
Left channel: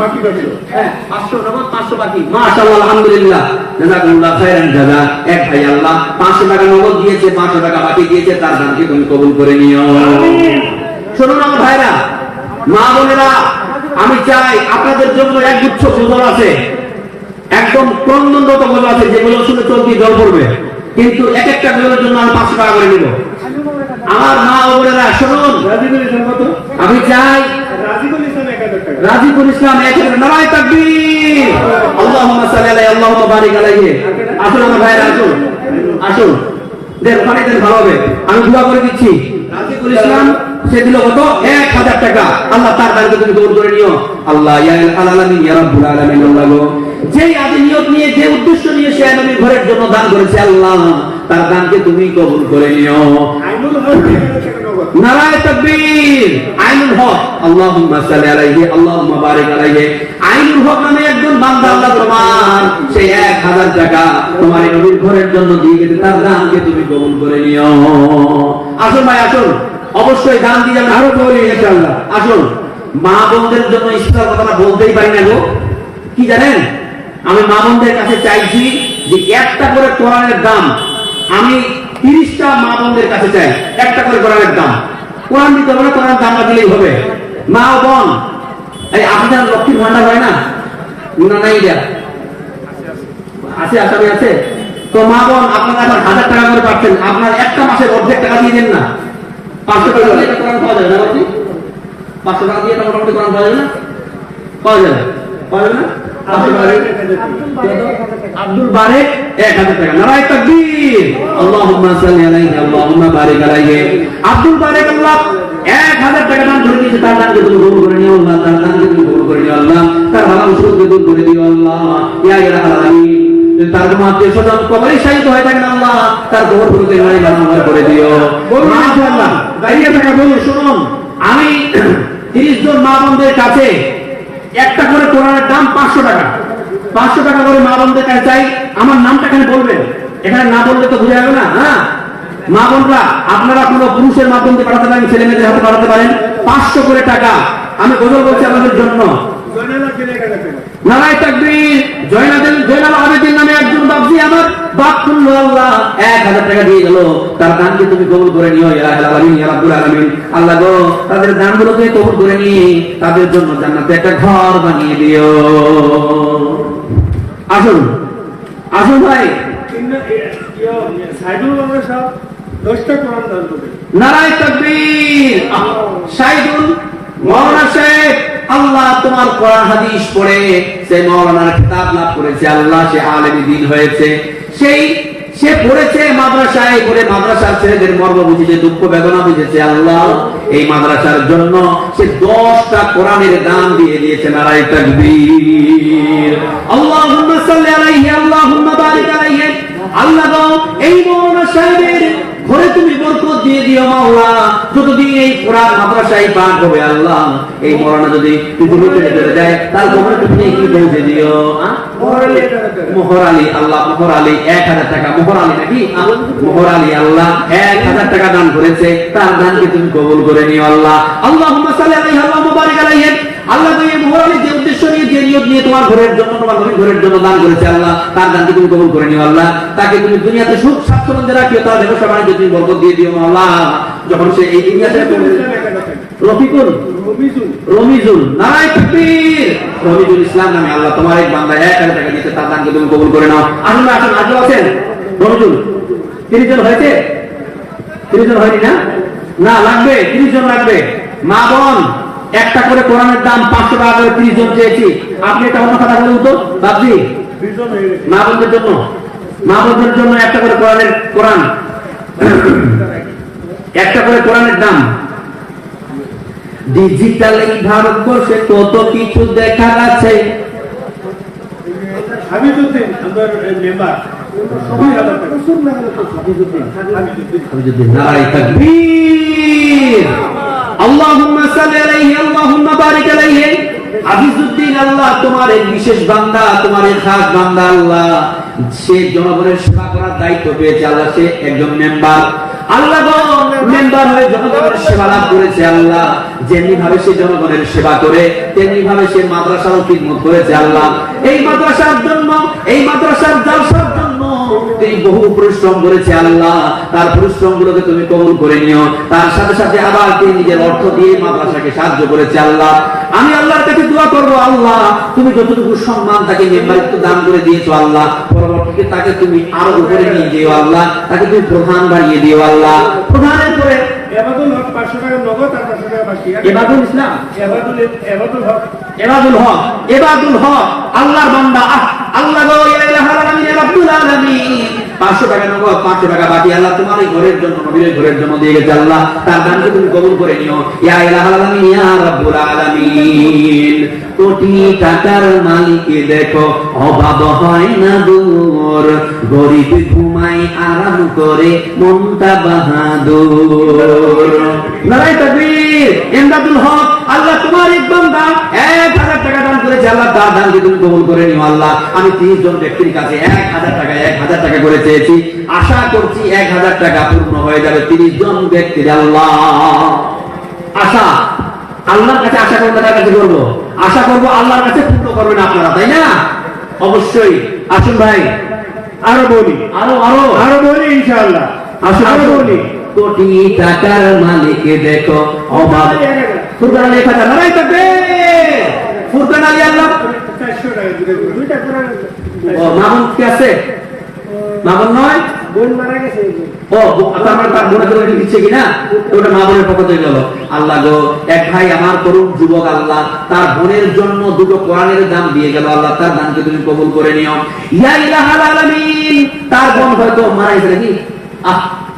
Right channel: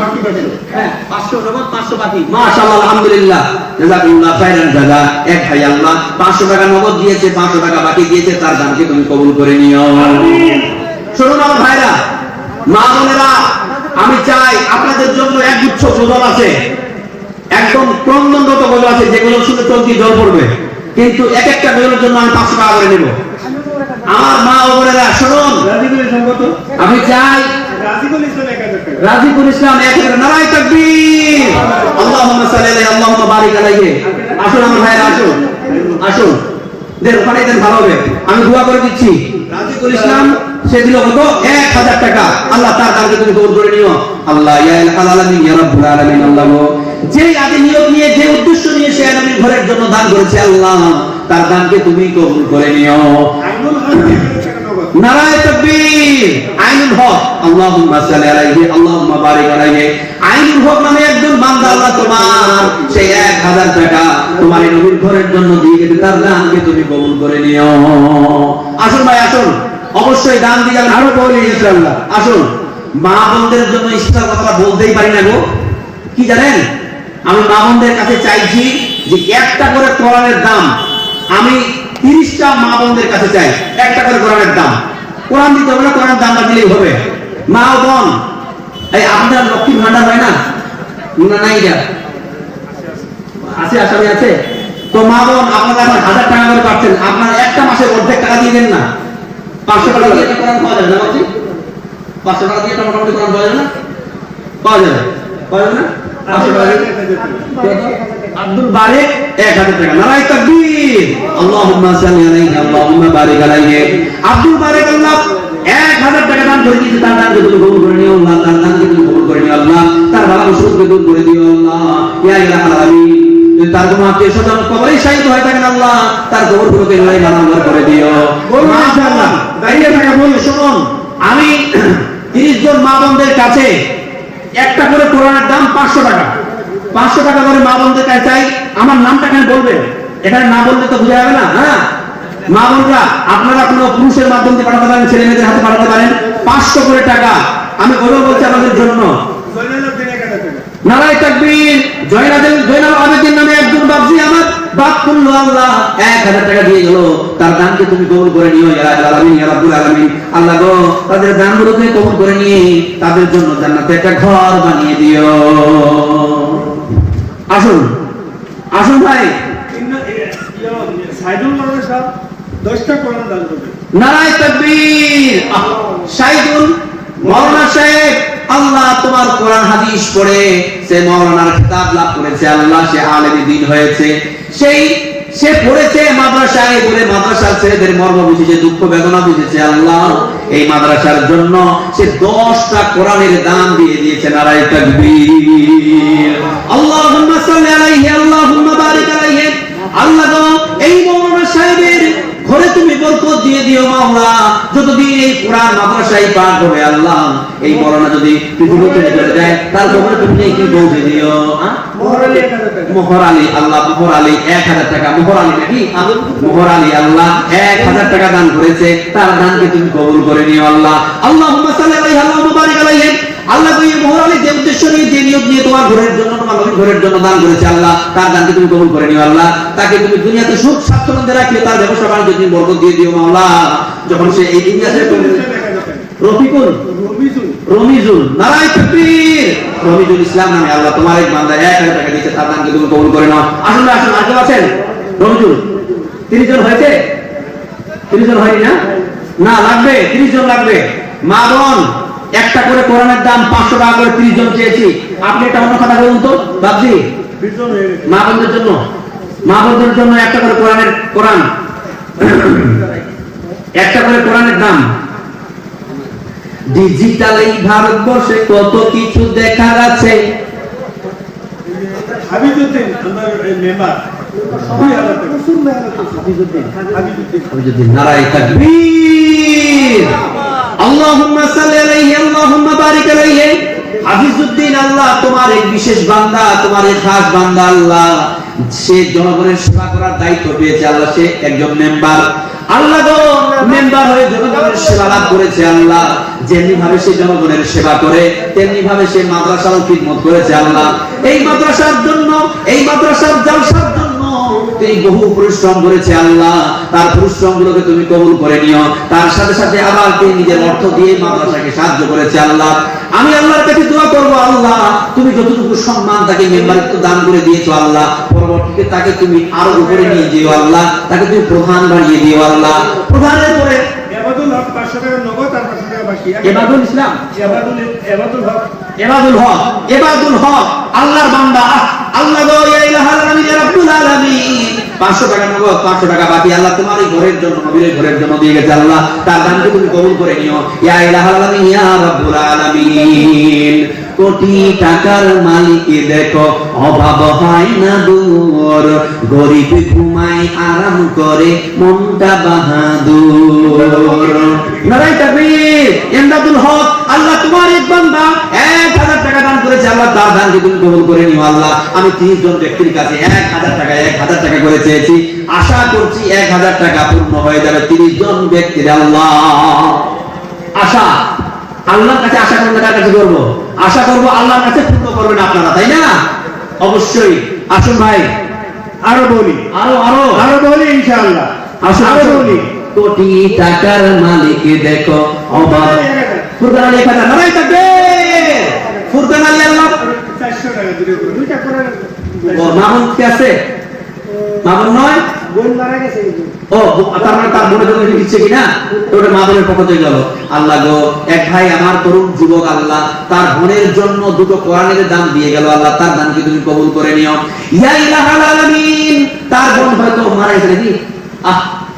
বাকি পাবেন। হ্যাঁ 500 নগদ 500 বাকি। মাশাআল্লাহ আলহামদুলিল্লাহ জাযাকুল্লাহ খাইরান জাযা। এক ভাই আল্লাহ 500 টাকা নগদ দিয়েছে, 500 টাকা বাকি দিয়েছে, তার দানকে তুমি কবুল করে নিও। আমিন। শুনুন আমার ভাইরা, মা বোনেরা, আমি চাই আপনাদের জন্য একগুচ্ছ গজল আছে, একদম ক্রন্দনরত গজল আছে, যেগুলো শুনে চলতি জল পড়বে, কিন্তু এক একটা গজলের জন্য আমি 500 টাকা করে নেব। আমার মা বোনেরা শুনুন, রাজিকুল ইসলাম কত? আমি চাই রাজিকুল ইসলাম 1000 টাকা। রাজিকুল ইসলাম নারায়ে তাকবীর। আল্লাহুম্মা সাল্লি আলাইহি আল্লাহুম্মা বারিক আলাইহি। আসুন আমার ভাইরা, আসুন আসুন, দেন পানি দেন, ভালো হবে। আমি দোয়া করে দিচ্ছি। রাজিকুল ইসলাম সে দিল কত? 1000 টাকা। আল্লাহ তার দানকে তুমি কবুল করে নিও আল্লাহ। ইয়া ইলাহাল আলামিন ইয়া রাব্বুল আলামিন। আল্লাহ গো, যে আদি নিয়ত নিয়ে, যে উদ্দেশ্য নিয়ে সে নবীর ঘরের জন্য দান করেছে, আল্লাহ তার দানকে তুমি কবুল করে নিও। আইনুল হক 1000 টাকা নগদ। নারায়ে তাকবীর। আইনুল হক আল্লাহুম্মা সাল্লি আলাইহি আল্লাহুম্মা বারিক আলাইহি। আইনুল হক নামে একজন বান্দা আল্লাহ তোমার সেই 1000 টাকা তোমার এই নবীর ঘরের জন্য দিয়ে গেছে, তার দানকে তুমি কবুল করে নিও। আসুন ভাই আসুন, অবশ্যই দান দিয়ে যাবেন, আরো বলি ইনশাআল্লাহ। আসুন, মা বোনদের জন্য ইসলাম কথা বলতেই পারি না গো। কি জানেন, আমি মা বোনদের কাছে চাইছি যে একটা করে কোরআনের দাম আমি 30টা মা বোনদের কাছে চাই, একটা করে কোরআনের দাম। কোরআন দিতে হবে না, কোরআনের দামটা দিলেই হবে। মা ও বোন, এই আপনাদের লক্ষ্মীর ভান্ডার হয় না? না নাই যা আছে, আসামি আছে তো। মা বোন, আপনারা এখন 1000 টাকা করে পাচ্ছেন, আপনার একটা মাসের অর্ধেক টাকা দিয়ে দিন না। 500 টাকা দিয়ে একটা কোরআন পাওয়া যাবে না? বলছি 500 টাকা দিয়ে একটা মোটামুটি কোরআন পাওয়া যাবে না? পাওয়া যাবে, পাওয়া যাবে না? 500 টাকা দিয়ে আব্দুল বারেক 1000 টাকা। নারায়ে তাকবীর। আল্লাহুম্মা সাল্লি আলাইহি আল্লাহুম্মা বারিক আলাইহি। আব্দুল বারেক আল্লাহ 1000 টাকা দান করে দিয়েছে, তার দানকে তুমি কবুল করে নিও আল্লাহ, তার দানকে তুমি কবুল করে নিও আল্লাহ, তার ভালো সুখকে দূর করে দিও আল্লাহ। ইয়া ইলাহাল আলামিন। তার কোনো আত্মীয় স্বজন কবরে শাহিদ হয়ে থাকেন আল্লাহ, তার কবরগুলোকে নাই বানাবার করে দিও ইনশাআল্লাহ। দাঁড়িয়ে থাকা বলি, শুনুন, আমি 30 জন মা বোনদের কাছে একটা করে কোরআনের দাম 500 টাকা, 500 টাকা করে মা বোনদের কাছে চাই। আমার নামটা এখানে বলবেন, এখানে না বললে তো বোঝা যাবে না। হ্যাঁ মা বোনরা, আপনারা কোনো পুরুষের মাধ্যম দিয়ে পাঠাতে পারেন, ছেলে মেয়েদের হাতে পাঠাতে পারেন। 500 করে টাকা আমি গৌরব বলছি আমাদের জন্য। জয়নাল আবেদিন 1000 টাকা। নারায়ে তাকবীর। জয়নাল আবেদিন নামে একজন বাপজি আমার বাপ পুণ্য আল্লাহ 1000 টাকা দিয়ে গেল, তার দানকে তুমি কবুল করে নিও ইয়া আলামিন ইয়া রাব্বুল আলামিন। আল্লাহ গো, তাদের দানগুলোকে কবুল করে নিয়ে তাদের জন্য জান্নাতে একটা ঘর বানিয়ে দিও। আসুন আসুন ভাই, সাইদুল মাওলানা সাহেব 10টা কোরআন দান করবেন। নারায়ে তাকবীর। সাইদুল মাওলানা সাহেব, আল্লাহ তোমার কোরআন হাদিস পড়ে সে মাওলানার কিতাব লাভ করেছে আল্লাহ, সে আলেমে দ্বীন হয়েছে, সে পড়েছে মাদ্রাসায়, পড়ে মাদ্রাসার ছেলেদের মর্ম বুঝেছে, দুঃখ বেদনা বুঝেছে আল্লাহ। এই মাদ্রাসার জন্য সে 10টা কোরআনের দান দিয়ে দিয়েছে। নারায়ে তাকবীর। আল্লাহুম্মা সাল্লি আলাইহি আল্লাহুম্মা বারিক আলাইহি। আল্লাহ গো, এই মাওলানা সাহেবের ঘরে তুমি বরকত দিয়ে দিও মাওলা। যতদিন এই কোরআন মাদ্রাসায় পাঠ হবে আল্লাহ, এই মাওলানা যদি পৃথিবী ছেড়ে চলে যায়, তার ঘরে তুমি কি পৌঁছে দিও। মোহর আলী আল্লাহ, মোহর আলী 1000 টাকা। মোহর আলী নাকি? মোহর আলী আল্লাহ 1000 টাকা দান করেছে, তার দানকে তুমি কবুল করে নিও আল্লাহ। আল্লাহুম্মা সাল্লি আলাইহি আল্লাহুম্মা বারিক আলাইহি। আল্লাহ তো এই মোহর আলী যে উদ্দেশ্য নিয়ে, যে নিয়ত নিয়ে তোমার ঘরের জন্য, তোমার ঘরের জন্য দান করেছে আল্লাহ, তার দানকে তুমি কবুল করে নিও আল্লাহ। তাকে তুমি দুনিয়াতে সুখ স্বাচ্ছন্দ্যে রাখিও, তার ব্যবসা বাণিজ্য তুমি বরকত দিয়ে দিও মাওলা। যখন সে এই দুনিয়াতে ইসলাম 1000 টাকা। রফিকুল রবিজুল রমিজুল নারায়ে তাকবীর। রমিজুল ইসলাম নামে আল্লাহ তোমার এক বান্দা 1000 টাকা দিয়েছে, তার দানকে তুমি কবুল করে নাও। আসুন আসুন, আর কেউ আছেন? রমিজুল 30 জন হয়েছে? 30 জন হয়নি না? না, লাগবে, 30 জন লাগবে। মা বোন, একটা করে কোরআনের দাম 500 টাকা করে 30 জন চেয়েছি। আপনি একটা অন্য কথা বলুন তো বাবজি, বিজন হয়ে গেছে। মা বোনদের জন্য, মা বোনদের জন্য একটা করে কোরআন একটা করে কোরআনের দাম। ডিজিটাল এই ভারতবর্ষে কত কিছু দেখা যাচ্ছে। হাবিজুদ্দিন আমার মেম্বার 2000 টাকা। হাবিজুদ্দিন নারায়ে তাকবীর। আল্লাহুম্মা সাল্লি আলাইহি, আল্লাহুম্মা বারিক আলাইহি। হাফিজউদ্দিন, আল্লাহ তোমার এক বিশেষ বান্দা, তোমার এক খাস বান্দা আল্লাহ। সে জনগণের সেবা করার দায়িত্ব পেয়েছে আল্লাহ, সে একজন মেম্বার। আল্লাহ গো, মেম্বার হয়ে জনগণের সেবা লাভ করেছে আল্লাহ। যেমনি ভাবে সে জনগণের সেবা করে, তেমনি ভাবে সে মাদ্রাসার খিদমত করেছে আল্লাহ। এই মাদ্রাসার জন্য, এই মাদ্রাসার জলসার জন্য তিনি বহু পরিশ্রম করেছে আল্লাহ। তার পরিশ্রম গুলোকে তুমি কবুল করে নিও। তার সাথে সাথে আবার তিনি নিজের অর্থ দিয়ে মাদ্রাসাকে সাহায্য করেছে আল্লাহ। আমি আল্লাহর কাছে দোয়া করবো, আল্লাহ তুমি যতটুকু সম্মান তাকে মেম্বারত্ব দান করে দিয়েছো আল্লাহ, পরবর্তীতে তাকে তুমি আরো উপরে নিয়ে দিও আল্লাহ, তাকে তুমি প্রধান বানিয়ে দিও আল্লাহ। প্রধানের পরে এবাদুল হক 500 টাকা নগদ আর 500 টাকা বাকি। এবাদুল ইসলাম, এবাদুল হক এবাদুল হক, এবাদুল হক আল্লাহর বান্দা। আল্লাহ গো, ইয়া ইলাহাল আলামিন, ইয়া রাব্বুল আলামিন, 500 টাকা নগদ, 500 টাকা বাকি আল্লাহ তোমার এই ঘরের জন্য, নবীর ঘরের জন্য দিয়ে গেছে আল্লাহ। তার দানকে তুমি কবুল করে নিও। ইয়া ইলাহাল আলামিন, ইয়া রাব্বুল আলামিন। কোটি টাকার মালিক দেখো, অভাব হয় না দূর, গরিব ঘুমায় আরাম করে, মনটা বাহাদুর। নারায়ে তাকবীর। ইমদাদুল হক, আল্লাহ তোমার এক বান্দা 1000 টাকা দান করেছে আল্লাহ, তার দানকে তুমি কবুল করে নিও আল্লাহ। আমি 30 জন ব্যক্তির কাছে 1000 টাকা করে চেয়েছি, আশা করছি 1000 টাকা পূর্ণ হয়ে যাবে 30 জন ব্যক্তির আল্লাহ। আশা আল্লাহর কাছে, আশা করবো তার কাছে করবো, আশা করবো আল্লাহর কাছে পূর্ণ করবেন আপনারা, তাই না? অবশ্যই। আসুন ভাই, আরো বলি, আরো বলি ইনশাআল্লাহ। আসুন আরো আসুন। বলি। কোটি টাকার মালিক দেখো, অভাব। ফুরকান আলী 1000, নারায়ে তাকবীর। ফুরকান আলী আল্লাহ 400 টাকা দিলে করে। দুইটা করে মামুন কে আছে? মামুন নয়, বোন মারা গেছে। ও তার মানে তার বোনের জন্য দিচ্ছে কিনা, ওটা মা বোনের পক্ষ থেকে গেল। আল্লাহ গো, এক ভাই আমার তরুণ যুবক আল্লাহ, তার বোনের জন্য 2টো কোরআনের দান দিয়ে গেল আল্লাহ, তার দানকে তুমি কবুল করে নিও। ইয়া ইলাহাল আলামিন। তার বোন হয়তো মারা গেছে নাকি,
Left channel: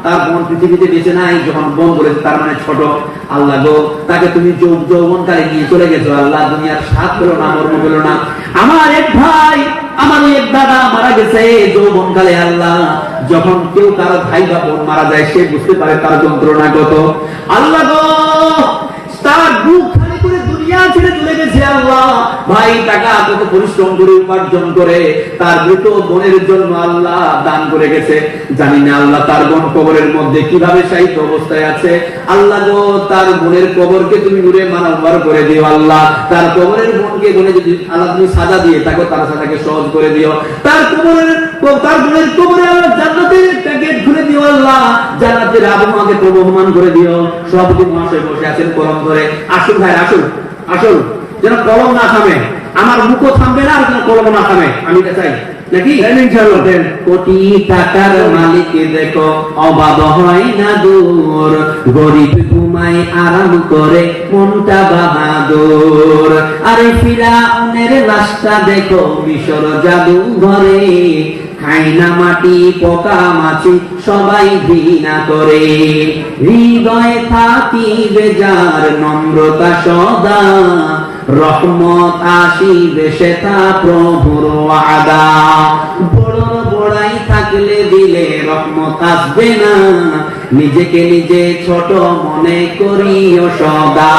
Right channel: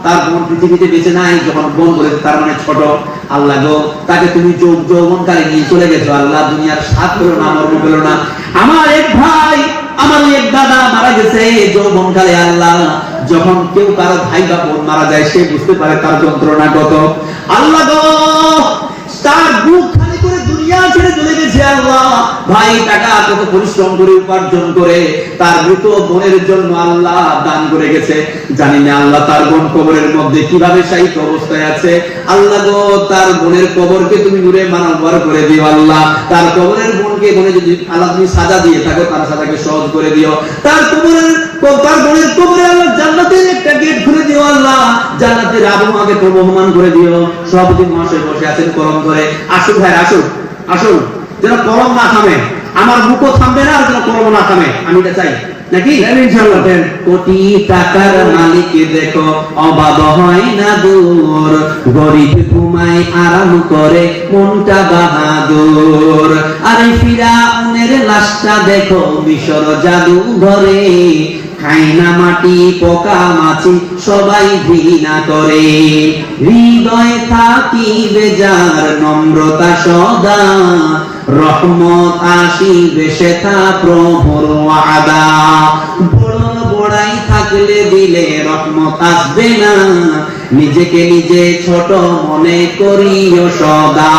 তার বোন পৃথিবীতে বেঁচে নাই, যখন বোন বলেছে তার মানে ছোট। আল্লাহ গো, তাকে তুমি যৌবনকালে নিয়ে চলে গেছো আল্লাহ, দুনিয়ার স্বাদ পেলো না, মরণ পেলো না। আমার এক ভাই, আমার এক দাদা মারা গেছে যৌবনকালে আল্লাহ। যখন কেউ কারো ভাই বা বোন মারা যায়, সে বুঝতে পারে তার যন্ত্রণা কত। আল্লাহ গো, তার বুক খালি করে দুনিয়া ছেড়ে চলে গেছে আল্লাহ। ভাই টাকা কত পরিশ্রম করে উপার্জন করে তার মৃত বোনের জন্য আল্লাহ দান করে গেছে। জানি না আল্লাহ তার বোন কবরের মধ্যে কিভাবে শায়িত অবস্থায় আছে। আল্লাহ গো, তার বোনের কবরকে তুমি নূরে মানওয়ার করে দিও আল্লাহ। তার কবরের বোনকে যদি আল্লাহ তুমি সাজা দিয়ে থাকো, তার সাজাকে সহজ করে দিও। তার বোনের কবরে আল্লাহ জান্নাতের একটা গেট খুলে দিও আল্লাহ, জান্নাতের আবহাওয়াকে প্রবহমান করে দিও। সভাপতি মহাশয় বসে আছেন কলম ধরে। আসুন ভাই, আসুন আসুন, যেন কলম না থামে, আমার মুখও থামবে না, আর যেন কলম না থামে, আমি এটা চাই নাকি? কোটি টাকার মালিক দেখো, অভাব হয় না দূর, গরিব ঘুমায় আরাম করে, মনটা বাহাদুর। আরে ফিরাউনের লাশটা দেখো মিশর জাদু ঘরে, খাই না মাটি পোকা মাছি সবাই ঘৃণা করে, হৃদয়ে থাকিবে যার নম্রতা সদা, রহমত আসিবে সেথা প্রভুর ওয়াদা। বড়াই থাকলে দিলে রহমত আসবে না, নিজেকে নিজে ছোট মনে করিও সদা।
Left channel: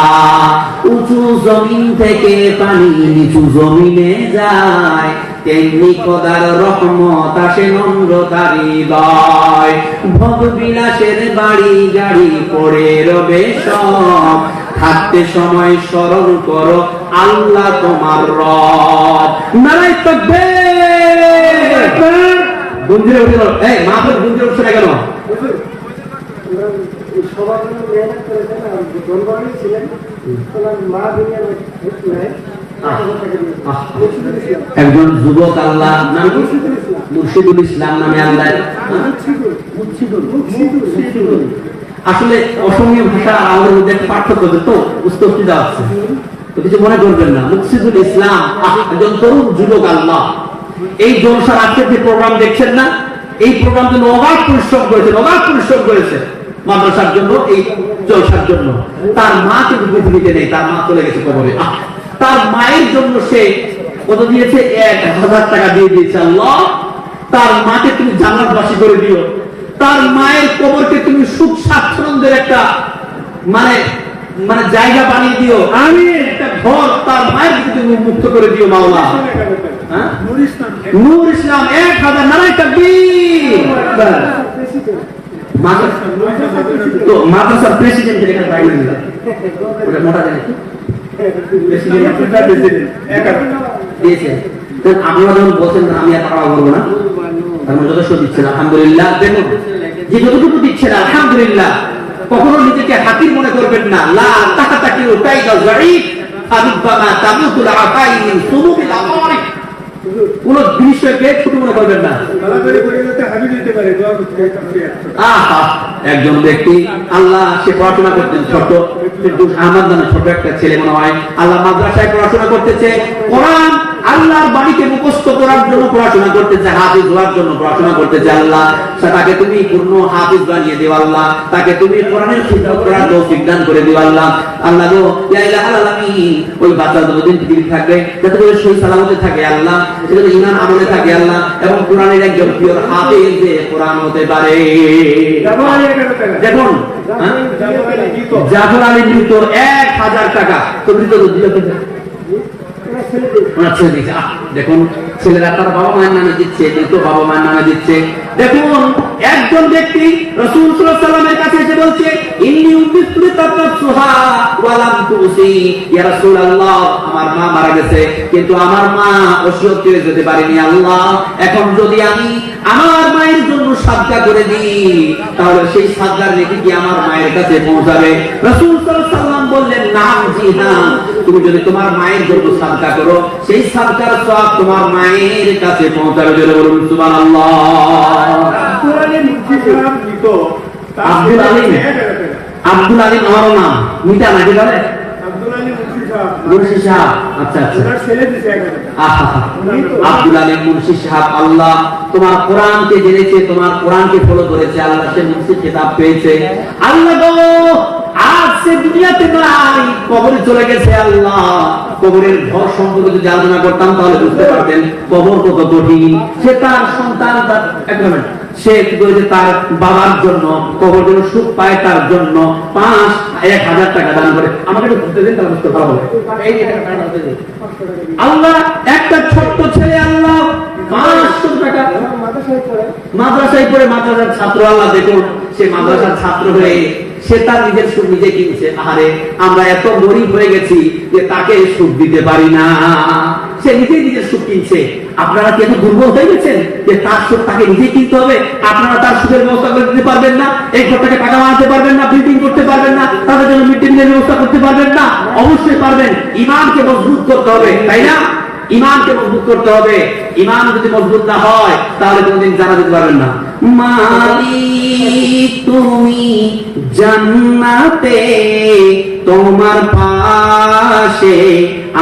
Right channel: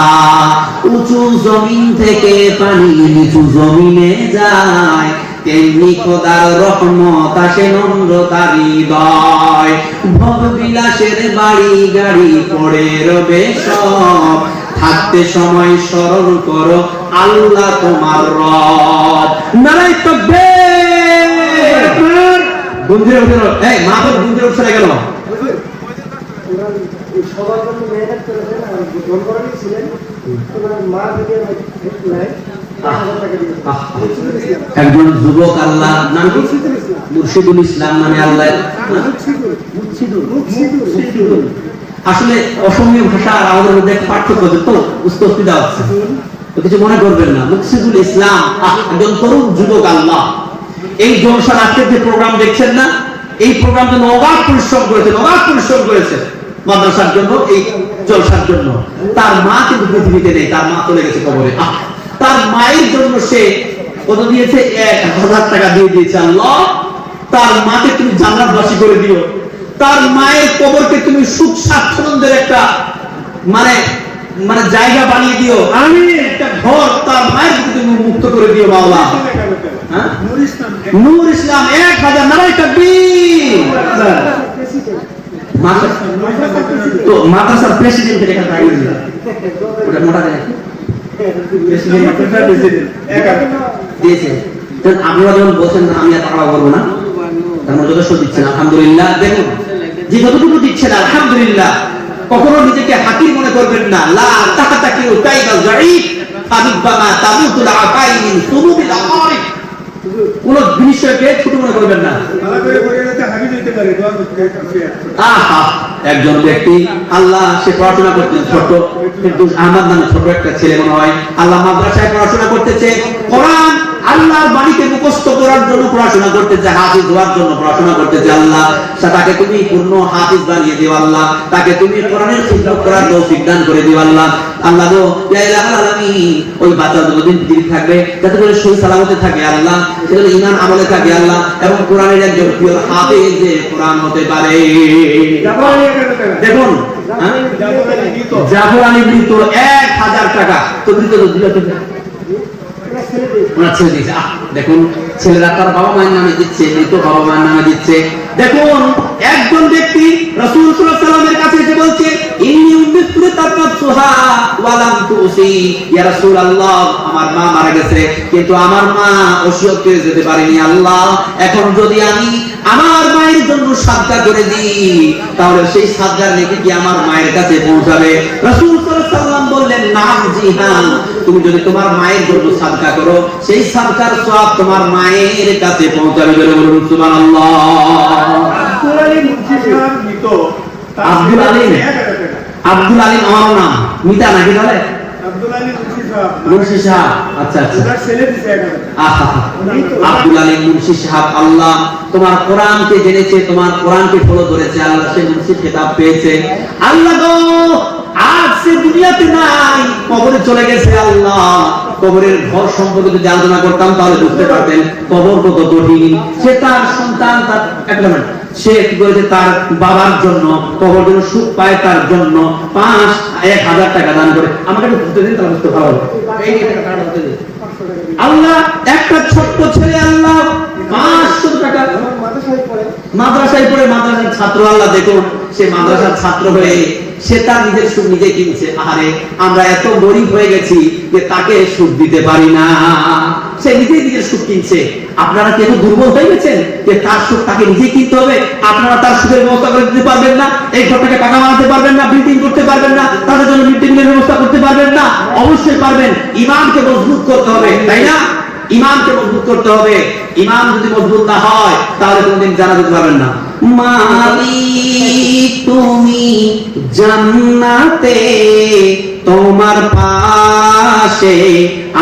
উঁচু জমিন থেকে পানি নিচু জমিনে যায়, তেমনি খোদার রহমত আসে নম্রতার হৃদয়। ভোগ বিলাসের বাড়ি গাড়ি পড়ে রবে সব, থাকতে সময় স্মরণ করো আল্লাহ তোমার রব। নারায়ে তাকবীর। গুঞ্জে উঠলো, এই মাহফিল গুঞ্জে উঠছে না কেন? সবার জন্য মেহনত করেছেন আর দরবারে ছিলেন তোমার মা দুনিয়ার নাই একজন যুবক আল্লাহ নাম কি মুর্শিদুল ইসলাম নামে আল্লাহ আসলে অসমীয় ভাষা আর আমাদের মধ্যে পার্থক্য তো বুঝতে অসুবিধা হচ্ছে তো কিছু মনে করবেন না মুর্শিদুল ইসলাম একজন তরুণ যুবক আল্লাহ এই জলসার আজকের যে প্রোগ্রাম দেখছেন না এই প্রোগ্রাম জন্য অগাধ পরিশ্রম করেছে মাদ্রাসার জন্য এই জলসার জন্য তার মা কিন্তু পৃথিবীতে নেই তার মা চলে গেছে কবরে তার মায়ের জন্য সে কত দিয়েছে 1000 টাকা দিয়ে দিয়েছে আল্লাহ তার মাকে তুমি জান্নাতবাসী করে দিও তার মায়ের কবরকে তুমি সুখ স্বাচ্ছন্দ্যের একটা মানে মানে জায়গা বানিয়ে দিও আমি একটা ঘর তার মায়ের তুমি মুক্ত করে দিও মাওলা হ্যাঁ নূর ইসলাম 1000 নারায়ে তাকবীর তো মাদ্রাসার প্রেসিডেন্টের এখানে দায়িত্ব নিলেন ওটা মোটা দিয়েছে আপনারা যখন বলছেন আমি আর খাওয়া করবো না তার মধ্যে যথেষ্ট দিচ্ছেন আলহামদুলিল্লাহ দেখুন যে যতটুকু দিচ্ছেন আলহামদুলিল্লাহ কখনো নিজেকে হাকির মনে করবেন না লা তাকাতাকিউ কাইদা যায়ীফ ফারুব্বামা তামুতুল আফাইন সুরুবিল আকারিব কোন বিষয়কে ছোট মনে করবেন না ভালো করে পড়াতে হাবিজ হইতে পারে দোয়া করতে একজন ব্যক্তি আল্লাহ সে পড়াশোনা করতেন ছোট কিন্তু আমার নামে ছোট একটা ছেলে মনে হয় আল্লাহ মাদ্রাসায় পড়াশোনা করতেছে কোরআন আল্লাহর বাণীকে মুখস্থ করার জন্য পড়াশোনা করতেছে হাফিজ হওয়ার জন্য পড়াশোনা করতেছে আল্লাহ তাকে তুমি পূর্ণ হাফিজ বানিয়ে দিও আল্লাহ তাকে তুমি কোরআনের সুযোগ করার তৌফিক দান করে দিও আল্লাহ আল্লাহ গো ইয়া ইলাহাল আলামিন ওই বাচ্চা যতদিন পৃথিবী থাকবে যাতে করে সেই সালামতে থাকে আল্লাহ যাতে ঈমান আমলে থাকে আল্লাহ এবং কোরআনের একজন প্রিয় হাফিজ কোরআন হতে পারে দেখুন জাফর আলী মৃত 1000 টাকা তো মৃত দিল দেখুন ছেলেরা তার বাবা মায়ের নামে দিচ্ছে মৃত বাবা মায়ের নামে দিচ্ছে দেখুন একজন ব্যক্তি রাসূল সাল্লাল্লাহু আলাইহি ওয়াসাল্লামের কাছে এসে বলছে ইন্নী উমিরতু তাতাসুহা ওয়া লাম তুসি ইয়া রাসূলুল্লাহ আমার মা মারা গেছে কিন্তু আমার মা ওসিয়ত করে যেতে পারেনি আল্লাহ এখন যদি আমি আমার মায়ের জন্য সাদকা করে দিই তাহলে সেই সাদকার নেকি কি আমার মায়ের কাছে পৌঁছাবে রাসূল সাল্লাল্লাহু আলাইহি ওয়াসাল্লাম বললেন নাম জি হ্যাঁ তুমি যদি তোমার মায়ের জন্য সাদকা করো সেই সাদকার সওয়াব তোমার মায়ের কাছে পৌঁছাবে বলে বলুন সুবহানাল্লাহ আব্দুল আলিম আমার নাম মিতা নাকি বলে মুন্সি সাহেব আচ্ছা আব্দুল আলিম মুন্সি সাহেব আল্লাহ তোমার কোরআনকে জেনেছে তোমার কোরআনকে ফলো করেছে আল্লাহ সে মুন্সি খেতাব পেয়েছে আল্লাহ গো আজ সে দুনিয়াতে নাই কবরে চলে গেছে আল্লাহ কবরের ঘর সম্পর্কে যদি আলোচনা করতাম তাহলে বুঝতে পারতেন কবর কত কঠিন সে তার সন্তান সে কি করেছে তার বাবার জন্য কবর জন্য সুখ পায় তার জন্য 1000 টাকা দান করে আমাকে একটু বুঝতে দিন তাহলে বুঝতে পারবো এই টাকা দান করে আল্লাহ একটা ছোট্ট ছেলে আল্লাহ 500 টাকা মাদ্রাসায় পড়ে মাদ্রাসার ছাত্র আল্লাহ দেখুন সে মাদ্রাসার ছাত্র হয়ে সে তার নিজের সুখ নিজে কিনছে আরে আমরা এত গরিব হয়ে গেছি যে তাকে সুখ দিতে পারি না সে নিজেই নিজের সুখ কিনছে আপনারা কি এত দুর্বল হয়ে গেছেন যে তার সুখ তাকে নিজে কিনতে হবে আপনারা তার সুখের ব্যবস্থা করে দিতে পারবেন না এই ঘরটাকে টাকা বানাতে পারবেন না বিল্ডিং করতে পারবেন না তাদের জন্য মিড ডে মিলের ব্যবস্থা করতে পারবেন না অবশ্যই পারবেন ঈমানকে মজবুত করতে হবে তাই না ঈমানকে মজবুত করতে হবে ঈমান যদি মজবুত না হয় তাহলে কোনদিন জানা দিতে পারবেন না মালিক তুমি জান্নাতে তোমার পাশে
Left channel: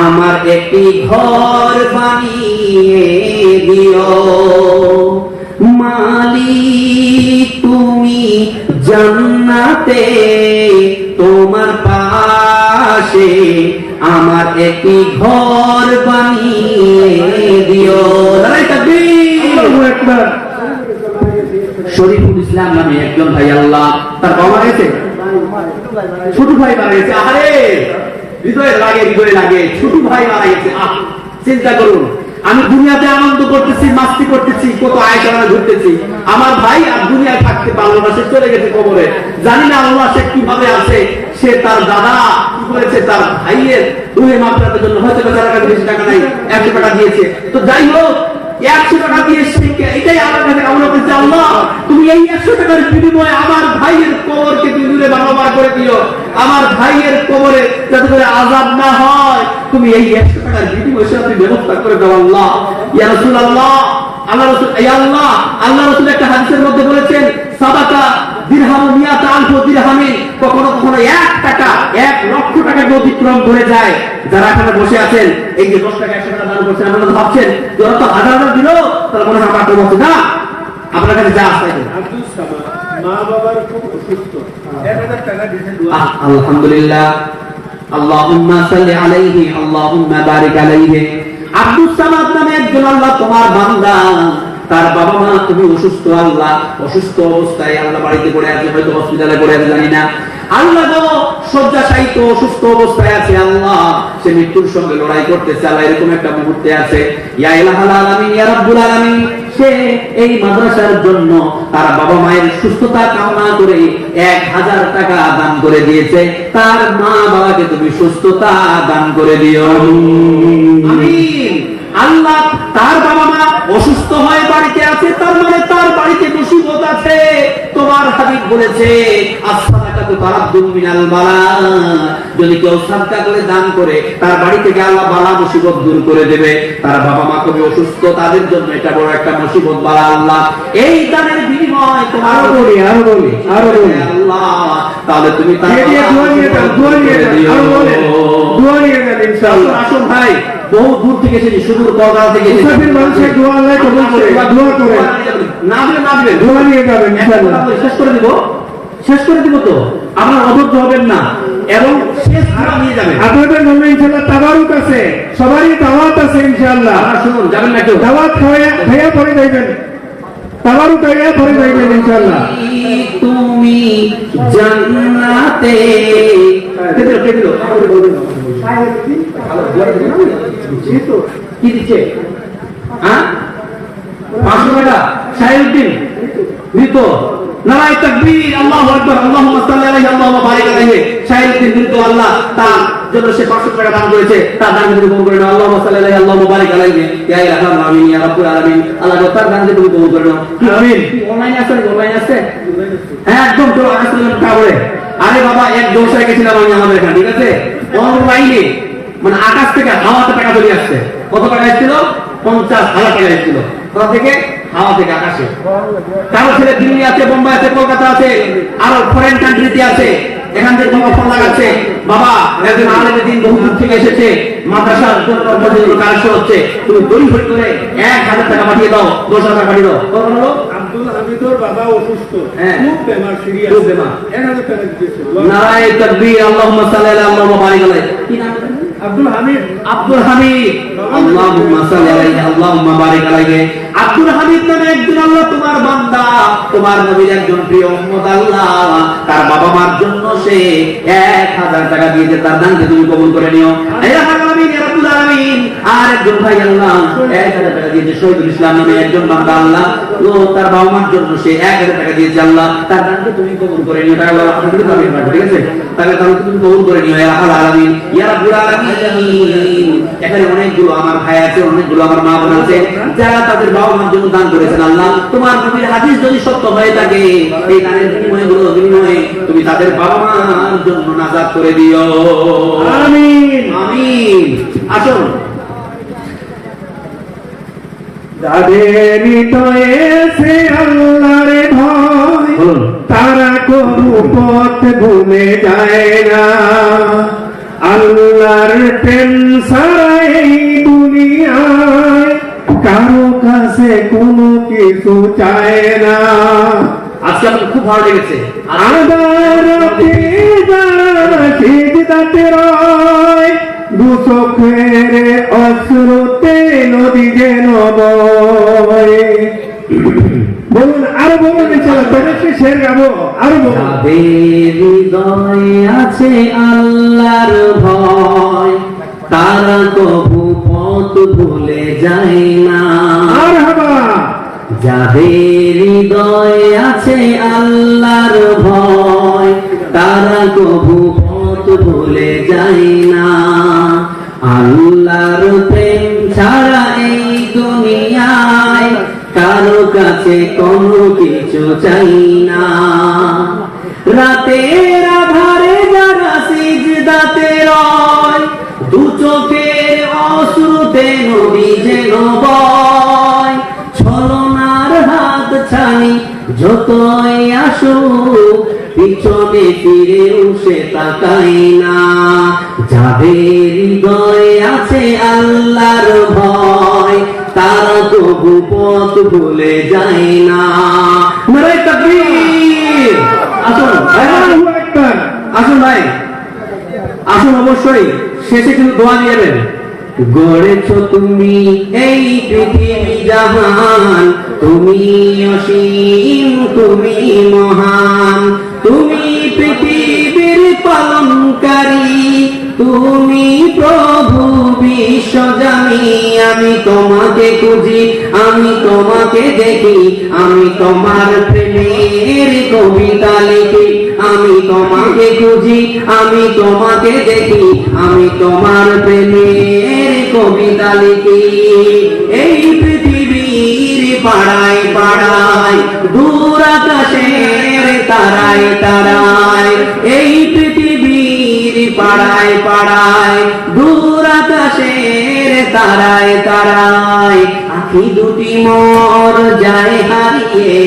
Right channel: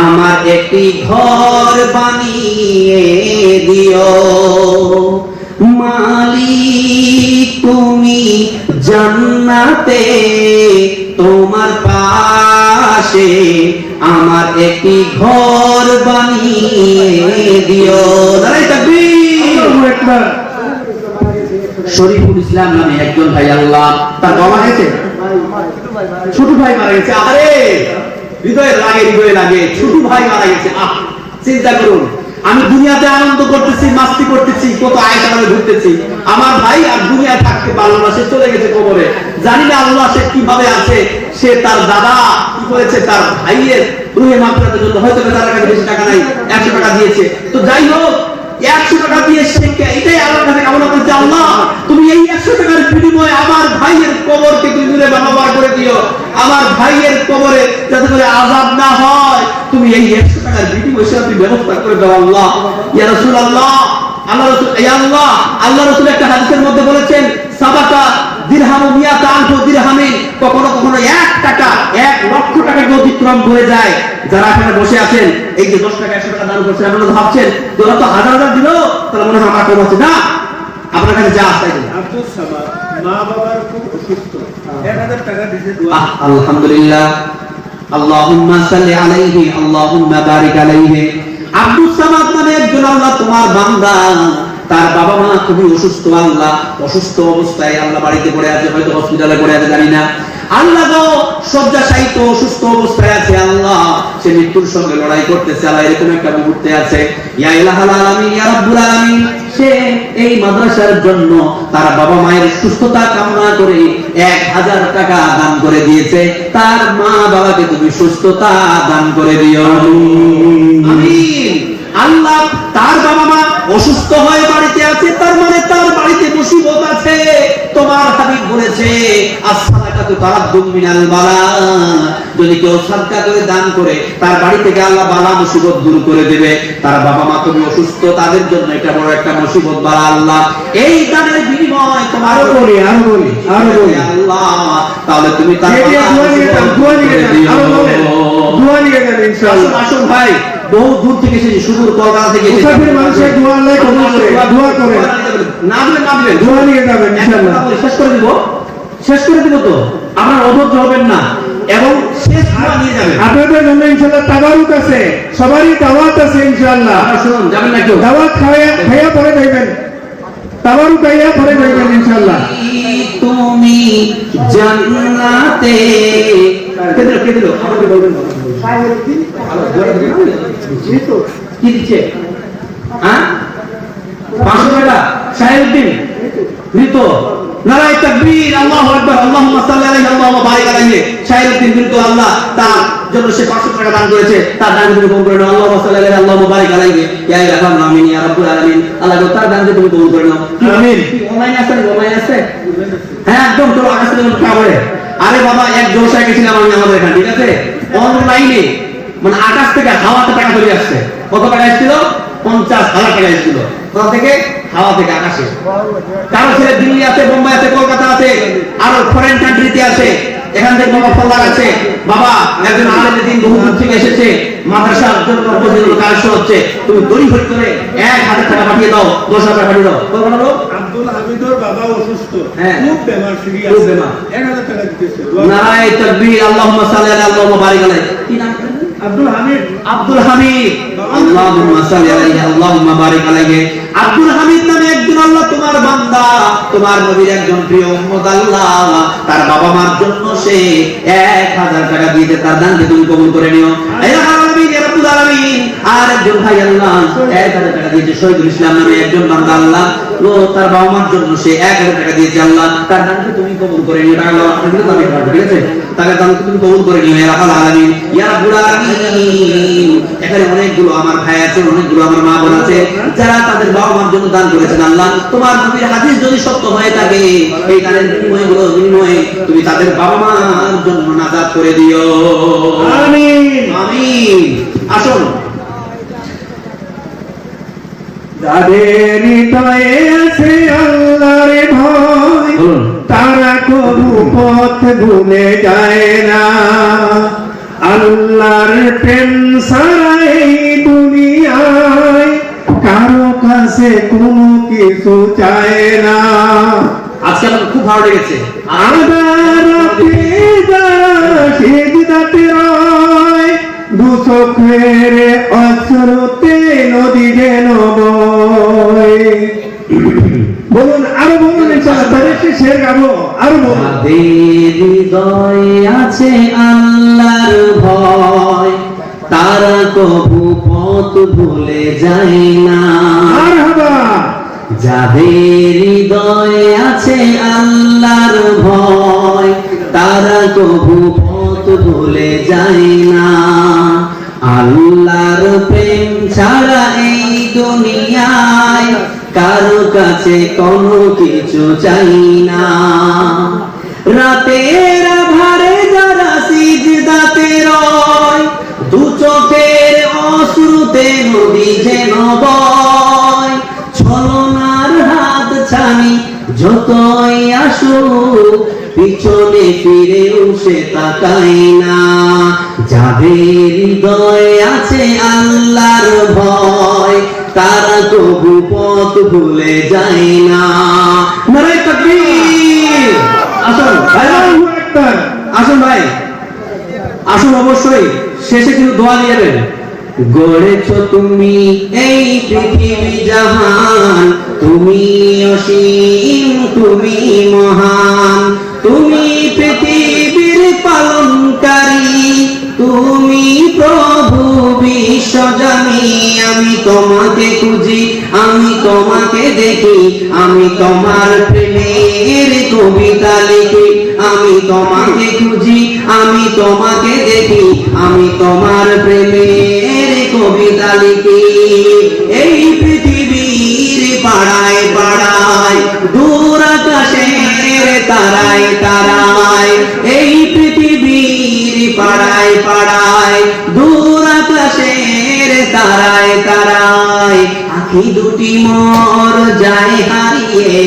আমার একটি ঘর বানিয়ে দিও মালিক তুমি জান্নাতে তোমার পাশে আমার একটি ঘর বানিয়ে দিও নারায়ে তাকবীর আল্লাহু আকবার শরীফুল ইসলাম নামে একজন ভাই আল্লাহ তার বাবা হয়েছে ছোট ভাই মারা গেছে আরে হৃদয়ে লাগে ছোট ভাই মারা গেছে চিন্তা করুন আমি দুনিয়াতে আনন্দ করতেছি মাস্তি করতেছি কত আয়তনে ঘুরতেছি আমার ভাই আর দুনিয়া থাকতে পারলো না সে চলে গেছে কবরে জানি না আল্লাহ সে কিভাবে আছে সে তার দাদা কি করেছে তার ভাইয়ের রুহে মাগফিরাতের জন্য হয়তো তার কাছে বেশি টাকা নাই 100 টাকা দিয়েছে তো যাই হোক 100 টাকা দিয়ে শিখে এটাই আল্লাহ কাছে কামনা করছে, আল্লাহ তুমি এই 100 টাকার বিনিময়ে আমার ভাইয়ের কবরকে তুমি দূরে বাবা করে দিও, আমার ভাইয়ের কবরে যাতে করে আযাব না হয়, তুমি এই 100 টাকার বিনিময়ে সেটা তুমি ব্যবস্থা করে দাও আল্লাহ। ইয়া রাসূলুল্লাহ, আল্লাহ রাসূল, ইয়া আল্লাহ, আল্লাহ রাসূল একটা হাদিসের মধ্যে বলেছেন, সাবাকা দিরহাম মিয়াতা আলফু দিরহামিন, কখনো কখনো 1 টাকা 1 লক্ষ টাকাকে অতিক্রম করে যায়। যারা এখানে বসে আছেন, এই যে 10 টাকা 100 টাকা দান করছেন, আপনারা ভাবছেন তোরা তো হাজার হাজার দিল, তাহলে মনে হয় আমার কম হচ্ছে না, আপনার কাছে যা আছে। আব্দুল সামাদ মা বাবার খুব অসুস্থ, 1000 টাকা দিতে দোয়া। আলহামদুলিল্লাহ, আল্লাহুম্মা সাল্লি আলাইহি, আল্লাহুম্মা বারিক আলাইহি। আব্দুল সামাদ নামে একজন আল্লাহ তোমার বান্দা, তার বাবা মা খুবই অসুস্থ আল্লাহ, অসুস্থ অবস্থায় আল্লাহ বাড়িতে পড়ে আছে, হয়তো হসপিটালে পড়ে আছে, জানি না আল্লাহ গো, শয্যাশায়িত অসুস্থ অবস্থায় আছে আল্লাহ, সে মৃত্যুর সঙ্গে লড়াই করতেছে আল্লাহ, এরকম একটা মুহূর্তে আছে। ইয়া ইলাহাল আলামিন, ইয়া রাব্বুল আলামিন, সে এই মাদ্রাসার জন্য তার বাবা মায়ের সুস্থতা কামনা করে 1000 টাকা দান করে দিয়েছে, তার মা বাবাকে তুমি সুস্থতা দান করে দিও, আমিন। আল্লাহ তার বাবা মা অসুস্থ হয়ে বাড়িতে আছে, তার মানে তার বাড়িতে মুসিবত আছে। তোমার হাবিব বলেছে, as-সাদাকাতু তারাদ্দুম মিনাল বালা, যদি কেউ সাদকা করে দান করে তার বাড়ি থেকে আল্লাহ বালা মুসিবত দূর করে দেবে। তার বাবা মা খুবই অসুস্থ, তাদের জন্য এটা বড় একটা মুসিবত বালা আল্লাহ এই দানের বিনিময় তোমার আরো বলি আল্লাহ, তাহলে তুমি তার দোয়া নিয়ে যান ইনশাআল্লাহ। আসুন ভাই, বহু দূর থেকে এসেছি, সুদূর কলকাতা থেকে এসেছি, মুসাফির মানুষের দোয়া আল্লাহ কবুল করে, দোয়া করে না দিবেন না দিবেন, দোয়া নিয়ে যাবেন ইনশাআল্লাহ। শেষ করে দিব, শেষ করে দিব তো, আপনার অধৈর্য হবেন না এবং শেষ দোয়া নিয়ে যাবেন। আপনাদের জন্য ইনশাআল্লাহ তাবারুক আছে, সবারই দাওয়াত আছে ইনশাআল্লাহ। শুনুন, যাবেন না কেউ, দাওয়াত খেয়ে পরে যাবেন, তাবারুক আইয়া পরে যাবেন ইনশাআল্লাহ। তুমি জান্নাতে কেদিল কি দিচ্ছে, হ্যাঁ 500 টাকা শাহিউদ্দিন মৃত, নারায়ে তাকবীর, আল্লাহু আকবার, আল্লাহুম্মা সাল্লি আলাইহি, আল্লাহুম্মা বারিক আলাইহি। শাহিউদ্দিন মৃত, আল্লাহ তার জন্য সে 500 টাকা দান করেছে, তার দান তুমি কবুল করে নাও, আল্লাহুম্মা সাল্লি আলাইহি, আল্লাহুম্মা বারিক আলাইহি, ইয়া ইলাহাল আমিন, ইয়া রাব্বুল আলামিন। আল্লাহ তার দান তুমি কবুল করে নাও, আমিন। অনলাইন আছে, অনলাইন আছে, হ্যাঁ একদম তো আসলে কাবরে। আরে বাবা, এক জলসায় গেছিলাম আমি আমাদের এখানে, ঠিক আছে, অনলাইনে মানে আকাশ থেকে হাওয়াতে টাকা চলে আসছে। কত টাকা এসেছিল? 50,000 টাকা এসেছিল, কোথা থেকে? হাওয়া থেকে, আকাশে। কারো ছেলে দিল্লি আছে, বোম্বাই আছে, কলকাতা আছে, আর ফরেন কান্ট্রিতে আছে, এখান থেকে কোনো ফোন লাগাচ্ছে, বাবা একজন আলেমের দিন বহু দূর থেকে এসেছে, মাদ্রাসার জন্য কাজ হচ্ছে, তুমি দড়ি ধরে ধরে 1000 টাকা পাঠিয়ে দাও, 10,000 টাকা পাঠিয়ে দাও। কত বলো? আব্দুল হামিদর বাবা অসুস্থ, হ্যাঁ। খুব বেমার, সিরিয়াস, খুব বেমার। 1000 টাকা দিতেছে। নারায়ে তাকবীর, আল্লাহুম্মা সাল্লি আলা, আল্লাহুম্মা বারিক আলাইহি। কি নাম বলেন? আব্দুল হামিদ, আব্দুল হামিদ, আল্লাহুম্মা সাল্লি আলাইহি, আল্লাহুম্মা বারিক আলাইহি। আব্দুল হামিদ নামে একজন আল্লাহ তোমার বান্দা, তোমার নবীর একজন প্রিয় উম্মত আল্লাহ, তার বাবা মার জন্য সে 1000 টাকা দিয়েছে, তার দানকে তুমি কবুল করে নিও, ইয়া আলামিন, ইয়া রাব্বুল আলামিন। আর একজন ভাই আল্লাহ 1000 টাকা দিয়েছে, শহীদুল ইসলাম নামে একজন বান্দা আল্লাহ, ও তার বাবা মার জন্য সে 1000 টাকা দিয়েছে, আল্লাহ তার দানকে তুমি কবুল করে নিও, আল্লাহ আপনাকে দাবি করব, ঠিক আছে, তাহলে দানকে তুমি কবুল করে নিও, ইয়া আলামিন, ইয়া রাব্বুল আলামিন। এখানে অনেকগুলো আমার ভাই আছে, অনেকগুলো আমার মা বোন আছে, যারা তাদের বাবা মার জন্য দান করেছেন, আল্লাহ তোমার নবীর হাদিস যদি সত্য হয়ে থাকে, এই দানের বিনিময়ে তুমি তাদের বাবা মার জন্য নাজাত করে দিও, আমিন আমিন। আসুন, যাদের হৃদয়ে আছে আল্লাহর ভয়, বলুন। তারা কোনো পথ ভুলে যায় না, আল্লাহর প্রেম ছাড়া এই দুনিয়ায় কারো কাছে কোনো কিছু চায় না। আজকে আমার খুব ভালো লেগেছে। আদারতে যারা সিজদাতে রয়, দু চোখের অশ্রুতে নদী যেন বয়। বলুন, আরো বলুন ইনশাআল্লাহ, বেরেশে শের গাবো, আরো বলুন। যাদের হৃদয়ে আছে আল্লাহর ভয়, তারা কবু পথ ভুলে যায় না। মারহাবা। যাদের হৃদয়ে আছে আল্লাহর ভয়, তারা কবু পথ ভুলে যায় না। আল্লাহর প্রেম ছাড়া এই দুনিয়া কাছে কোনো কিছু চাই না। রাতের আধারে যারা সিজদাতে রয়, দু চোখের অশ্রুতে নদী যেন বয়। ছলনার হাত ছানি যতই আসুক, পিছনে ফিরেও সে তাকায় না। যাদের হৃদয়ে আছে আল্লাহর ভয়, তারা তবু পথ ভুলে যায় না। নারে তাকবীর! আসুন আল্লাহু আকবার। আসুন ভাই, আসুন, অবশ্যই শেষে কিন্তু দোয়া দিবেন। গড়েছো তুমি এই পৃথিবী জাহান, তুমি অসীম, তুমি মহান, তুমি পৃথিবীর পালনকারী, তুমি প্রভু বিশ্বজানি। আমি তোমাকে খুঁজি, আমি তোমাকে দেখি, আমি তোমার প্রেমের কবিতা লিখি। আমি তোমাকে খুঁজি, আমি তোমাকে দেখি, আমি তোমার প্রেমের কবিতা লিখি। এই পৃথিবীর পাড়ায় পাড়ায়, দূর আকাশের তারায় তারায়, এই পৃথিবীর পাড়ায় পাড়ায়, দূর আকাশের তারায় তারায়, আখি দুটি মোর যায় হারিয়ে,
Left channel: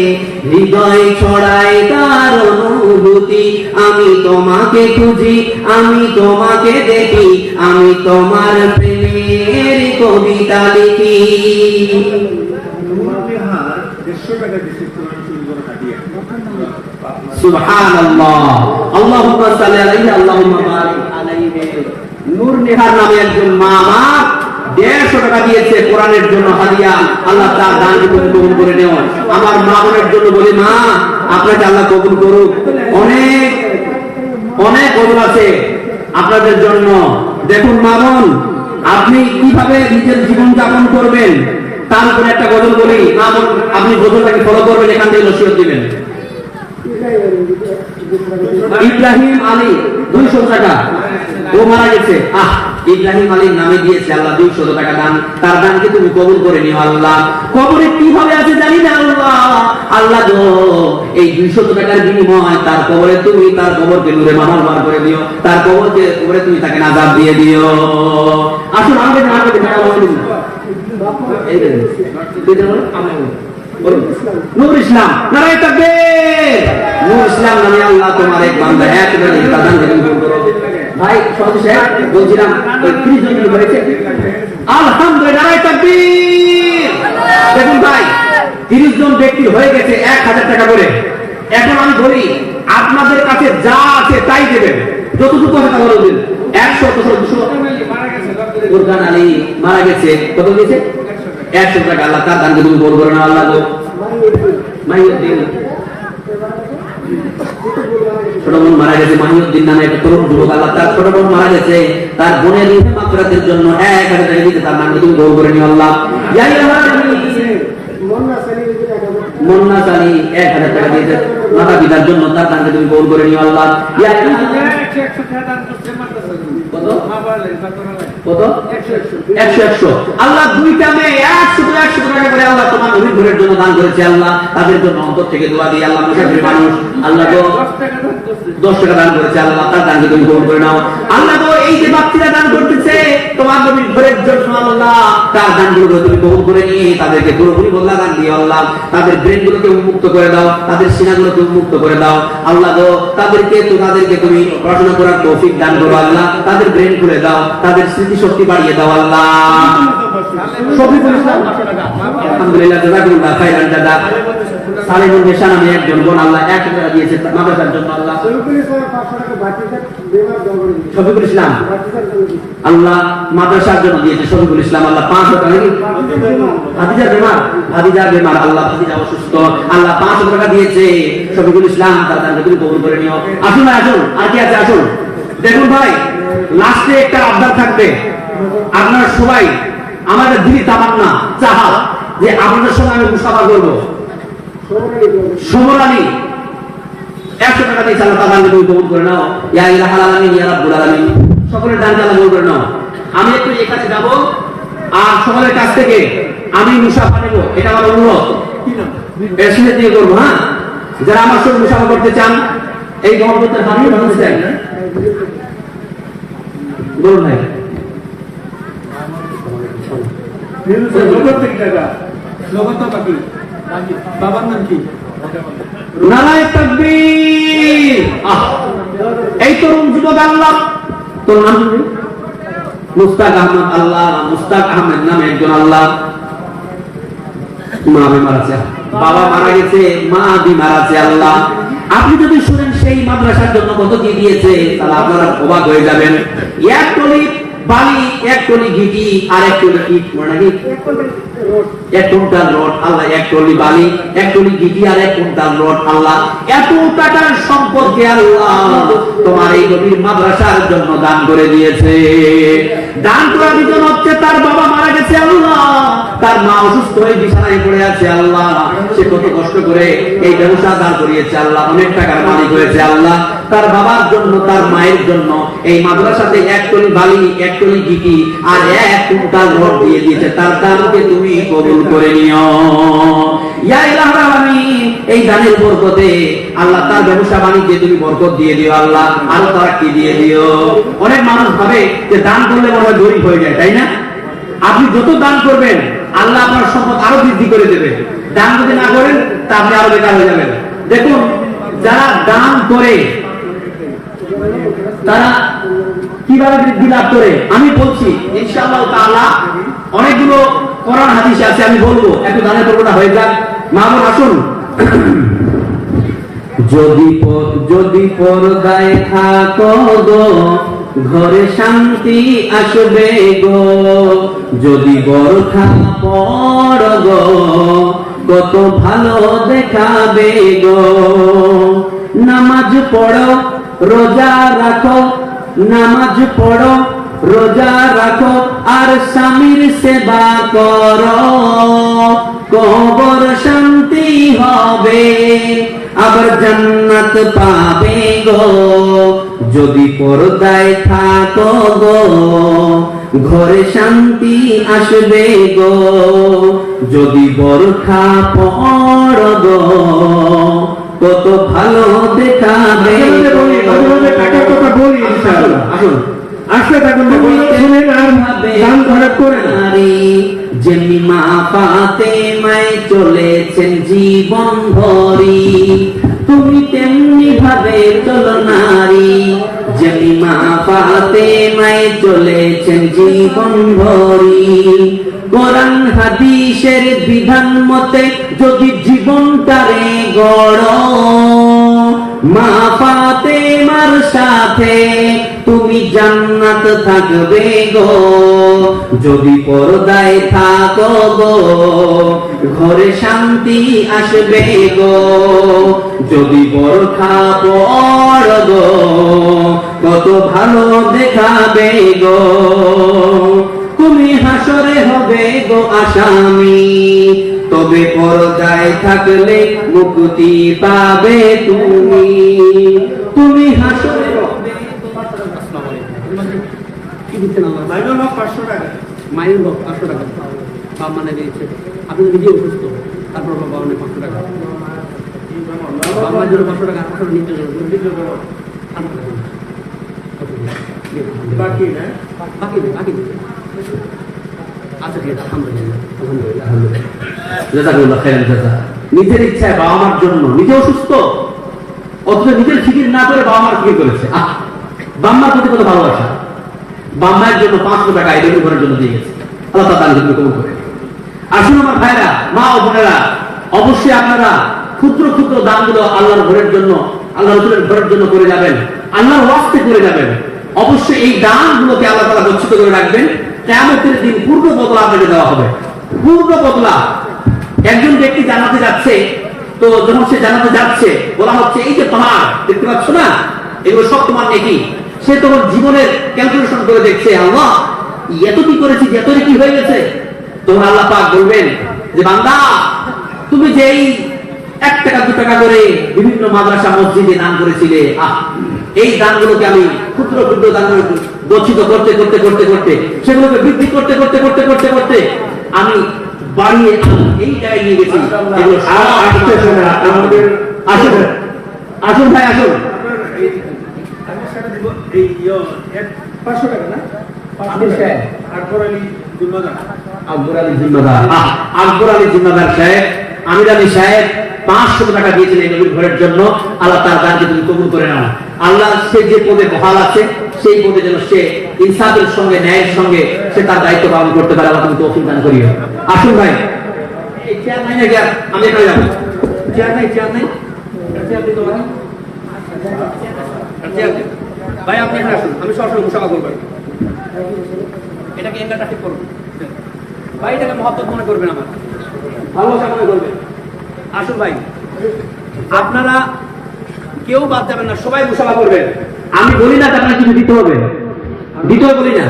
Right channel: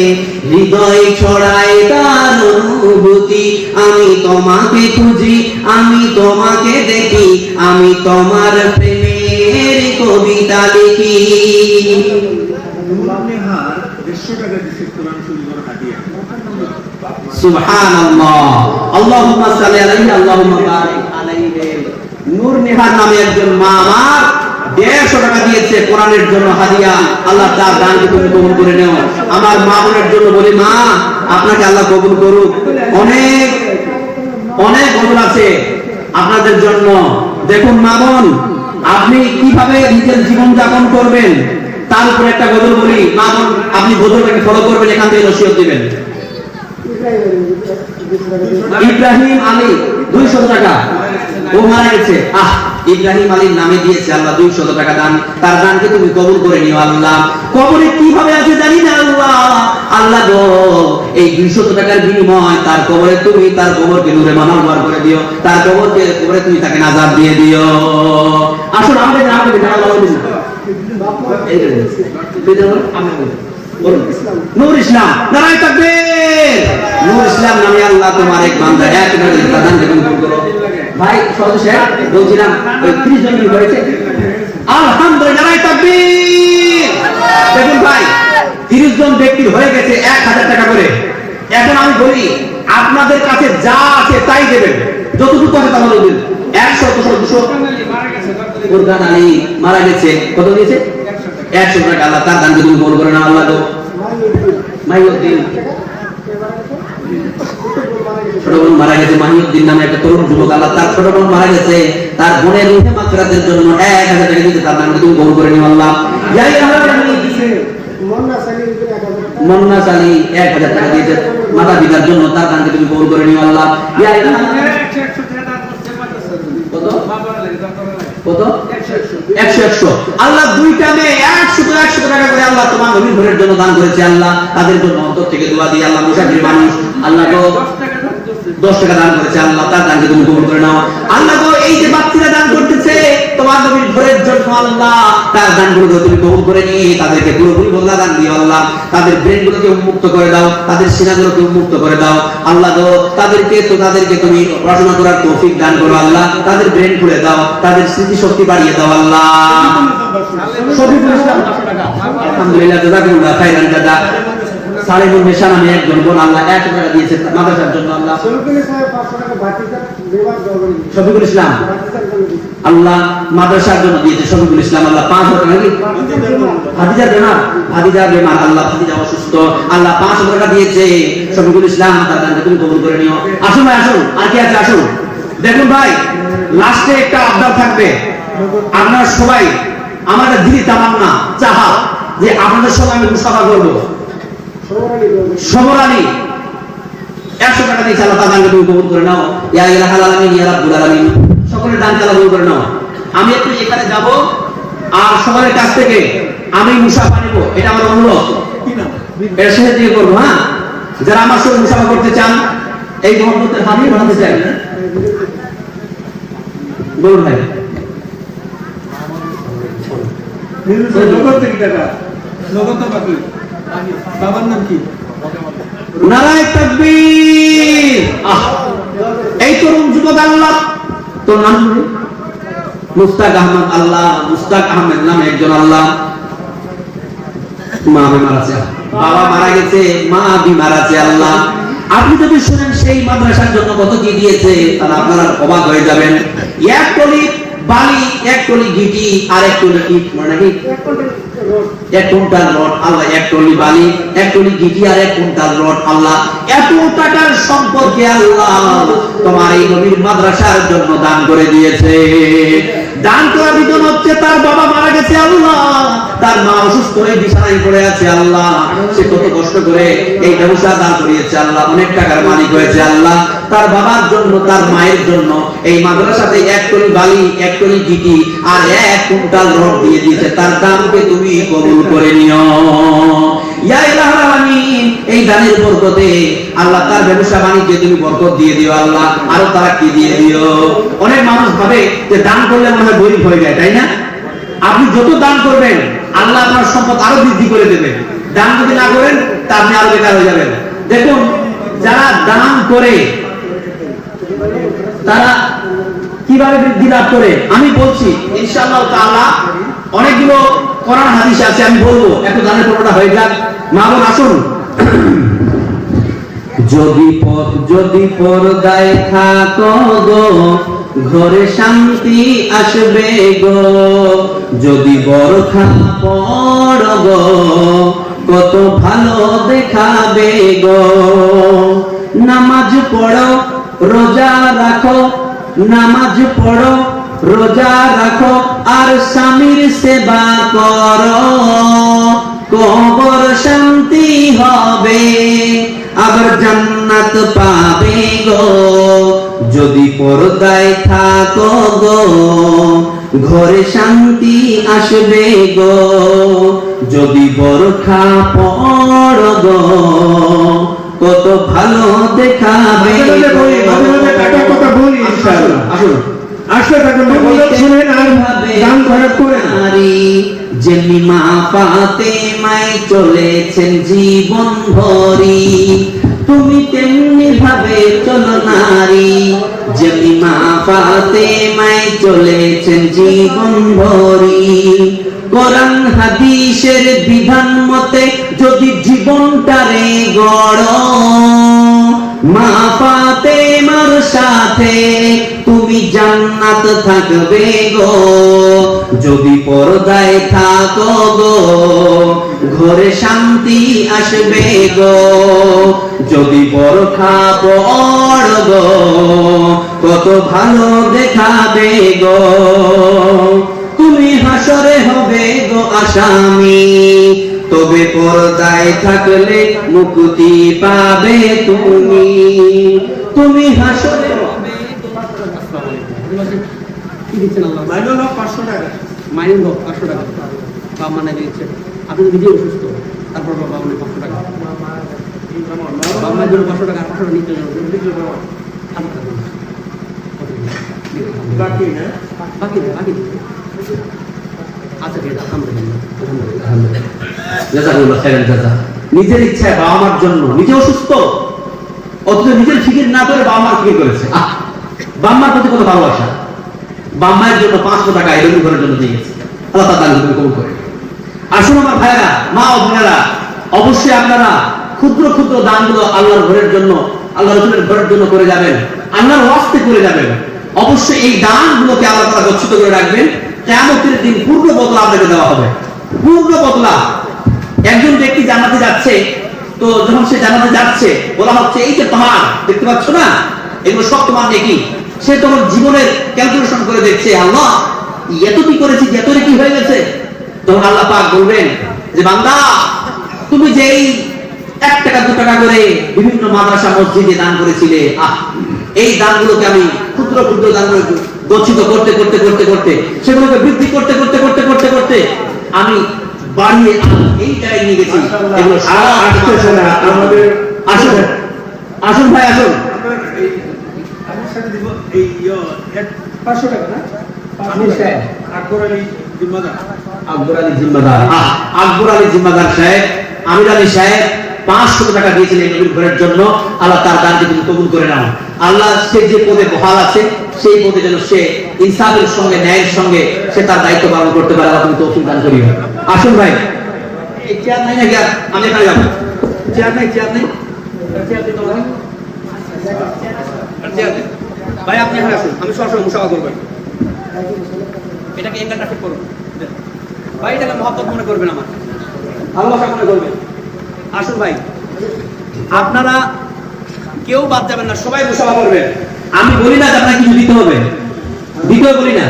হৃদয় ছড়ায় তার অনুভূতি। আমি তোমাকে খুঁজি, আমি তোমাকে দেখি, আমি তোমার প্রেমের কবিতা লিখি। নূরনিহার 150 টাকা দিছে কোরআন শরীফের হাদিয়া। সুবহানাল্লাহ, আল্লাহুম্মা সাল্লি আলাইহি, আল্লাহুম্মা বারিক আলাইহি। নূর নিহার নামে একজন মা আমার 150 টাকা দিয়েছে কোরআনের জন্য হাদিয়া। আল্লাহ তার দানকে তুমি কবুল করে নাও। আমার মা বোনের জন্য বলি, মা আপনাকে আল্লাহ কবুল করুক। অনেক অনেক কবুল আছে আপনাদের জন্য। দেখুন মা বোন, আপনি কিভাবে নিজের জীবন যাপন করবেন তার উপরে একটা গজল বলি। মা বোন, আপনি গজলটাকে ফলো করবেন, এখান থেকে নসিহত দিবেন। ইব্রাহিম আলী 200 টাকা, ও মারা গেছে। ইব্রাহিম আলীর নামে দিয়েছে আল্লাহ 200 টাকা দান। তার দানকে তুমি কবুল করে নিও আল্লাহ। কবরে কিভাবে আছে জানি না আল্লাহ। আল্লাহ গো, এই 200 টাকার বিনিময় তার কবরে তুমি তার কবরকে নূরে মানবার করে দিও। তার কবরে তুমি তাকে নাজাত দিয়ে দিও। আসুন আমাদের নূর ইসলাম, নারায়ে তাকবীর। নূর ইসলাম নামে আল্লাহ তোমার এক বান্দা একবারে দান কবুল করো। ভাই সদস্য বলছিলাম 30 জন হয়েছে, আলহামদুলিল্লাহ, নারায়ে তাকবীর। দেখুন ভাই, 30 জন ব্যক্তির হয়ে গেছে 1000 টাকা করে। এখন আমি বলি, আপনাদের কাছে যা আছে তাই দেবেন, যতটুকু আছে তা বলবেন। 100 200 কোরআন আলী মারা গেছে, কত দিয়েছে? 100 টাকা। আল্লাহ তার দানকে তুমি কবুল করে নাও আল্লাহ গো। মাইউদ্দিন ছোট বোন মারা গেছে, মাহিউদ্দিন নামে একটা তরুণ যুবক। আল্লাহ তার ছোট বোন মারা গেছে, তার বোনের রূহে মাগফিরাতের জন্য 1000 টাকা দিতে, তার নামকে তুমি কবুল করে নিও আল্লাহ। মন্না সালি 1000 টাকা দিয়েছে মাতা পিতার জন্য, তার নামকে তুমি কবুল করে নিও আল্লাহ। কত কত? 100 আল্লাহ দুইটা মেয়ে 100 টাকা করে আল্লাহ তোমার নবীর ঘরের জন্য দান করেছে আল্লাহ। তাদের জন্য অন্তর থেকে দোয়া দিয়ে আল্লাহ, মুসাফির মানুষ আল্লাহ তো 10 টাকা দান করেছে আল্লাহ, তার দানকে তুমি কবুল করে নাও আল্লাহ গো। এই যে বাচ্চারা দান করতেছে তোমার নবীর ঘরের জন্য আল্লাহ, তার দানগুলো তুমি কবুল করে নিয়ে তাদেরকে পুরোপুরি বদলা দান দিও আল্লাহ। তাদের ব্রেনগুলোকে উন্মুক্ত করে দাও, তাদের সিনাগুলোকে উন্মুক্ত করে দাও আল্লাহ গো। তাদেরকে তুমি পড়াশোনা করার তৌফিক দান করো আল্লাহ। তাদের ব্রেন খুলে দাও, তাদের স্মৃতি শক্তি বাড়িয়ে দাও আল্লাহ। শফিকুল ইসলাম 500 টাকা, আলহামদুলিল্লাহ, জাযাকুল্লাহ খাইরান দাদা। সালেহুল নেশা নামে একজন বোন আল্লাহ 100 টাকা দিয়েছে মাদ্রাসার জন্য আল্লাহ। শফিকুল ইসলাম আল্লাহ মাদ্রাসার জন্য দিয়েছে। শফিকুল ইসলাম আল্লাহ 500 টাকা। ভাতিজা বেমার আল্লাহ, ভাতিজা অসুস্থ আল্লাহ 500 টাকা দিয়েছে। শফিকুল ইসলাম তার দানকে তুমি কবুল করে নিও। আসুন ভাই, আসুন, আর কি আছে আসুন। দেখুন ভাই, লাস্টে একটা আবদার থাকবে। আপনারা সবাই আমাদের দিলি তামান্না চাহা যে আপনাদের সঙ্গে আমি মুসাফা করবো। সমরানি 100 টাকা দিয়ে আল্লাহ তাআলা তুমি কবুল করে নাও। ইয়া ইলাহাল আলামিন, ইয়া রাব্বুল আলামিন, সকলের দান আল্লাহ কবুল করে নাও। আমি একটু এখানে যাব আর সকলের কাছ থেকে আমি মুসাফা নেব, এটা আমার অনুরোধ। এর সাথে দিয়ে করবো। হ্যাঁ, যারা আমার সঙ্গে মুসাফা করতে চান, এই মহব্বতের হাতিয়ে বানাতে চান, বলুন ভাই। নগদ থেকে টাকা, নগদ তো বাকি। বাবার নাম কি? নারায়ে তাকবীর। এই তরুণ যুবক, আল্লাহ তোর নাম কি? মুস্তাক আহমদ। আল্লাহ, মুস্তাক আহমেদ নামে একজন আল্লাহ মা মারা গেছে, বাবা মারা গেছে, মা মারা গেছে। আল্লাহ, আপনি যদি শুনেন সেই মাদ্রাসার জন্য কত কি দিয়েছে, তাহলে আপনারা অবাক হয়ে যাবেন। এক টলি বালি, এক টলি গিটি, আর এক টলি ইট, মানে কি এক কুইন্টাল রড। আল্লাহ, এক টলি বালি, এক টলি গিটি, আর এক কুইন্টাল রড। আল্লাহ, এত টাকার সম্পদকে আল্লাহ তোমার এই নবীর মাদ্রাসার জন্য দান করে দিয়েছে। দান করা বিধান হচ্ছে তার বাবা মারা গেছে। আল্লাহ, তার মা অসুস্থ হয়ে বিছানায় পড়ে আছে। আল্লাহ, সে কত কষ্ট করে এই ব্যবসা দাঁড় করিয়েছে। আল্লাহ, অনেক টাকার মালিক হয়েছে। আল্লাহ, তার বাবার জন্য, তার মায়ের জন্য এই মাদ্রাসাতে এক টলি বালি, এক টলি গিটি, আর এক কুইন্টাল রড দিয়ে দিয়েছে। তার দানকে তুমি কবুল করে নিও ইয়া ইলাহুল আলামিন। এই দানের বরকতে আল্লাহ তার ব্যবসা বাণিজ্যে তুমি বরকত দিয়ে দিও। আল্লাহ, আরো তারাক্কি দিয়ে দিও। অনেক মানুষ ভাবে যে দান করলে মনে হয় গরিব হয়ে যায়, তাই না? আপনি যত দান করবেন আল্লাহ আপনার সম্পদ আরো বৃদ্ধি করে দেবে। দান যদি না করেন তা আপনি আরো বেকার হয়ে যাবেন। দেখুন, যারা দান করে তারা কিভাবে বৃদ্ধি লাভ করে আমি বলছি ইনশাআল্লাহ তাআলা। অনেকগুলো কোরআন হাদিস আছে, আমি বলবো, একটু দানের পড়া হয়ে যাক। মা বোন আসুন। যদি পর্দায় থাকো গো, ঘরে শান্তি আসবে গো। যদি বরখা পড়ো গো, কত ভালো দেখাবে গো। নামাজ পড়ো, রোজা রাখো, নামাজ পড়ো, রোজা রাখো, আর স্বামীর সেবা করো, কবর শান্তি হবে, আবার জান্নাত পাবে গো। যদি পর্দায় থাকো গো, ঘরে শান্তি আসবে গো। যদি বরখা পড়ো গো, কত ভালো দেখাবে। টাকার কথা বলি ইনশাআল্লাহ। আসুন, আশা থাকুন, শুনেন আর গান ঘরে পড়ে যেমনি মা ফাতেমায় চলেছেন জীবন ভরি, তুমি তেমনি ভাবে চলো নারী। যেমনি মা ফাতেমায় চলেছেন জীবন ভরি, কোরআন হাদিসের বিধান মতে যদি জীবনটারে গড়ো, মা ফাতেমার সাথে তুমি জান্নাত থাকবে গো। যদি পর্দায় থাকো গো, ঘরে শান্তি আসবে গো। যদি বরখা পড়ো গো, কত ভালো দেখাবে গো। তুমি হাসরে হবে গো আসামি, তবে পর্দায় থাকলে মুক্তি পাবে তুমি। তুমি হাসরে হবে গো। আসসালামু আলাইকুম। কি দিচ্ছেন আল্লাহ? মাইল হলো 500 টাকা। মাইল হোক 500 টাকা। বাবা মানে দিচ্ছে। আপনি তো নিজে অসুস্থ, তারপর বাবা মানে 500 টাকা। বাবা মায়ের জন্য 500 টাকা, 500 টাকা নিজের জন্য বাকি না? বাকি আচ্ছা ঠিক আছে, আলহামদুলিল্লাহ, আলহামদুলিল্লাহ। নিজের ইচ্ছায় বাবা মার জন্য, নিজে অসুস্থ অথচ নিজের ফিকির না করে বাবা মার ফিকির করেছে। বাম্মার প্রতি কত ভালোবাসা। বাম্মার জন্য 500 টাকা এদের ঘরের জন্য দিয়ে গেছে। আল্লাহ তাআলা কবুল করে। আসুন আমার ভাইরা, মা ও বোনেরা, অবশ্যই আপনারা ক্ষুদ্র ক্ষুদ্র দানগুলো আল্লাহর ঘরের জন্য, আল্লাহ রাসূলের ঘরের জন্য করে যাবেন, আল্লাহর ওয়াস্তে করে যাবেন। অবশ্যই এই দানগুলোকে আল্লাহ তাআলা গচ্ছিত করে রাখবেন। কিয়ামতের দিন পূর্ণ বদলা আপনাকে দেওয়া হবে, পূর্ণ বদলা। একজন ব্যক্তি জান্নাতে যাচ্ছে, তো যখন সে জান্নাতে যাচ্ছে বলা হচ্ছে এই যে তোমার দেখতে পাচ্ছ না, এগুলো সব তোমার নেকি। সে তোমার জীবনের ক্যালকুলেশন করে দেখছে, আল্লাহ এত কি করেছি, এত কি হয়ে গেছে। তখন আল্লাহ পাক বলবেন যে বান্দা, তুমি যে এই 1 টাকা 2 টাকা করে বিভিন্ন মাদ্রাসা মসজিদে দান করেছিলে, এই দানগুলোকে আমি ক্ষুদ্র ক্ষুদ্র দান গচ্ছিত করতে করতে করতে করতে সেগুলোকে বৃদ্ধি করতে করতে করতে করতে করতে আমি বানিয়ে এই জায়গায় নিয়ে গেছি। এগুলো সারা আমাদের আসুন আসুন ভাই আসুন। আপনার এই আমি স্যার দিব এই 500 টাকা না আপনি সাহেব আকবর আলী জিম্মাদার আকবর আলী জিম্মাদার, আকবর আলী জিম্মাদার সাহেব, আমির আলী সাহেব 500 টাকা দিয়েছিলেন নবীর ঘরের জন্য। আল্লাহ তার দানকে তুমি কবুল করে নাও। আল্লাহ সে যে পদে বহাল আছে সেই পদে যেন সে ইনসাফের সঙ্গে ন্যায়ের সঙ্গে সে তার দায়িত্ব পালন করতে পারে। আল্লাহ তুমি তৌফিক দান করিও। আসুন ভাই, এই চেয়ার নাই নাকি? আমি এখানে যাবো। চেয়ার নাই, চেয়ার নাই, চেয়ার দিই তোমাকে। চেয়ার দিই। ভাই আপনি এখানে আসুন, আমি সরাসরি মুসাফা করবো। এটাকে এঙ্গেলটা ঠিক করুন ভাই, এটাকে মহব্বত মনে করবেন, আমার ভালোবাসা মনে করবেন। আসুন ভাই, আপনারা কেউ বাদ যাবেন না, সবাই মুসাফা করবেন। আমি বলি না যে আপনাকে কিছু দিতে হবে, দিতেও বলি না।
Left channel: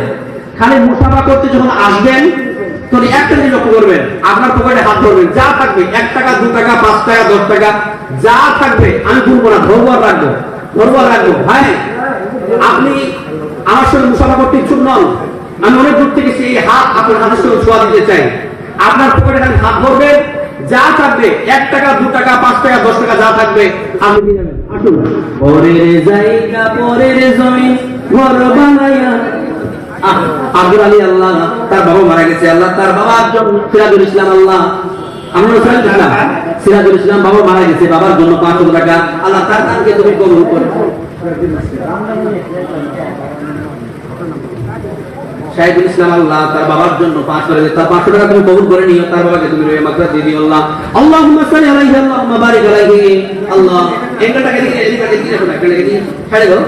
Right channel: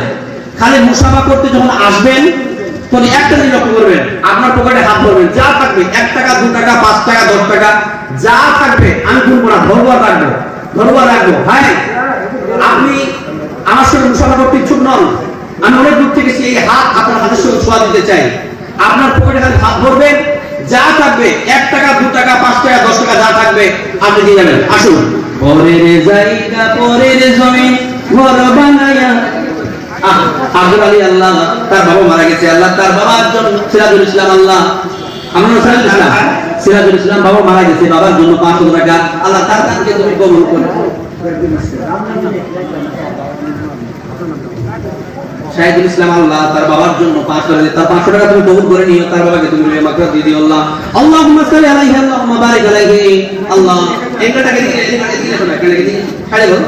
খালি মুসাফা করতে যখন আসবেন তখন একটা জিনিস লক্ষ্য করবেন, আপনার পকেটে হাত ধরবেন, যা থাকবে 1 টাকা 2 টাকা 5 টাকা 10 টাকা যা থাকবে আমি ভুলবো না, ধরবার রাখবো, ধরবার রাখবো। ভাই আপনি আমার সঙ্গে মুসাফা করতে ইচ্ছুক নন, আমি অনেক দূর থেকে সেই হাত আপনার হাতের সঙ্গে ছোঁয়া দিতে চাই। আপনার পকেটে খালি হাত ধরবেন, যা থাকবে 1 টাকা 2 টাকা 5 টাকা 10 টাকা যা থাকবে আপনি দিয়ে যাবেন। আসুন। পরের জায়গা পরের জমি ঘর বানায়া, আব্দুল আলী আল্লাহ তার বাবা মারা গেছে, আল্লাহ তার বাবা একজন সিরাজুল ইসলাম, আল্লাহ আমরা সিরাজুল ইসলাম বাবা মারা গেছে, বাবার জন্য 500 টাকা আল্লাহ তার দানকে তুমি কবুল করো। শাহিদুল ইসলাম আল্লাহ তার বাবার জন্য 500 টাকা তুমি কবুল করে নিও, তার বাবাকে তুমি মাগফিরাত দিয়ে দিও আল্লাহ। আল্লাহুম্মা সাল্লি আলাইহি আল্লাহুম্মা বারিক আলাইহি আল্লাহ। এটাকে দিয়ে শোনা, এটাকে দিয়ে ছাড়ে দাও।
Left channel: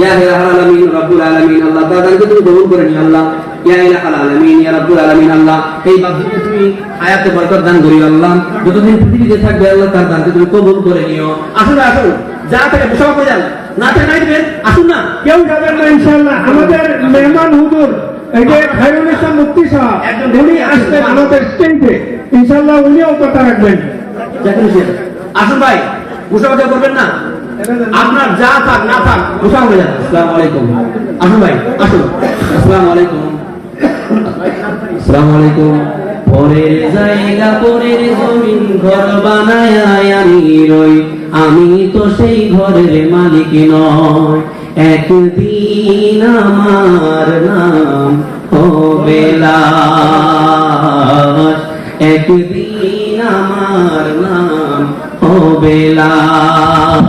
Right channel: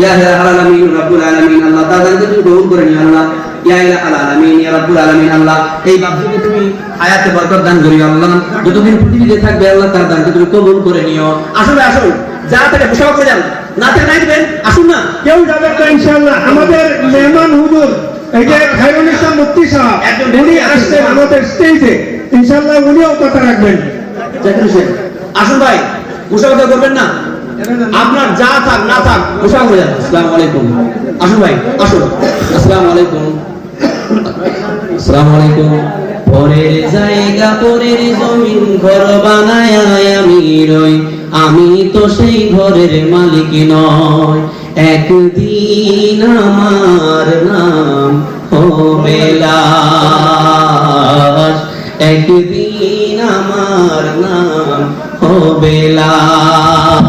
ইয়া ইলাহাল আলামিন রাব্বুল আলামিন আল্লাহ, তার দানকে তুমি কবুল করে নিও আল্লাহ। ইয়া ইলাহাল আলামিন ইয়া রাব্বুল আলামিন আল্লাহ, এই বাচ্চাকে তুমি হায়াতে বরকত দান করিও আল্লাহ। যতদিন পৃথিবীতে থাকবে আল্লাহ তার দানকে তুমি কবুল করে নিও। আসলে আসুন, যা থেকে মুসাফা করে যান, না থেকে নাই দিবেন। আসুন না, কেউ যাবেন না ইনশাআল্লাহ। আমাদের মেহমান হুজুর এই যে খায়রুল ইসলাম মুফতি সাহেব, উনি আসছেন আমাদের স্টেজে, ইনশাআল্লাহ উনিও কথা রাখবেন। জাকির হোসেন আসুন ভাই, মুসাফা করবেন না, আপনার যা থাক না থাক মুসাফা করে যান। আসসালামু আলাইকুম। আসুন ভাই আসুন। আসসালামু আলাইকুম। আসসালামু আলাইকুম। পরের জায়গা পরের জমিন ঘর বানায় আমি রই, আমি তো সেই ঘরের মালিক নয়। একদিন আমার নাম হবে লাশ, একদিন আমার নাম হবে লাশ।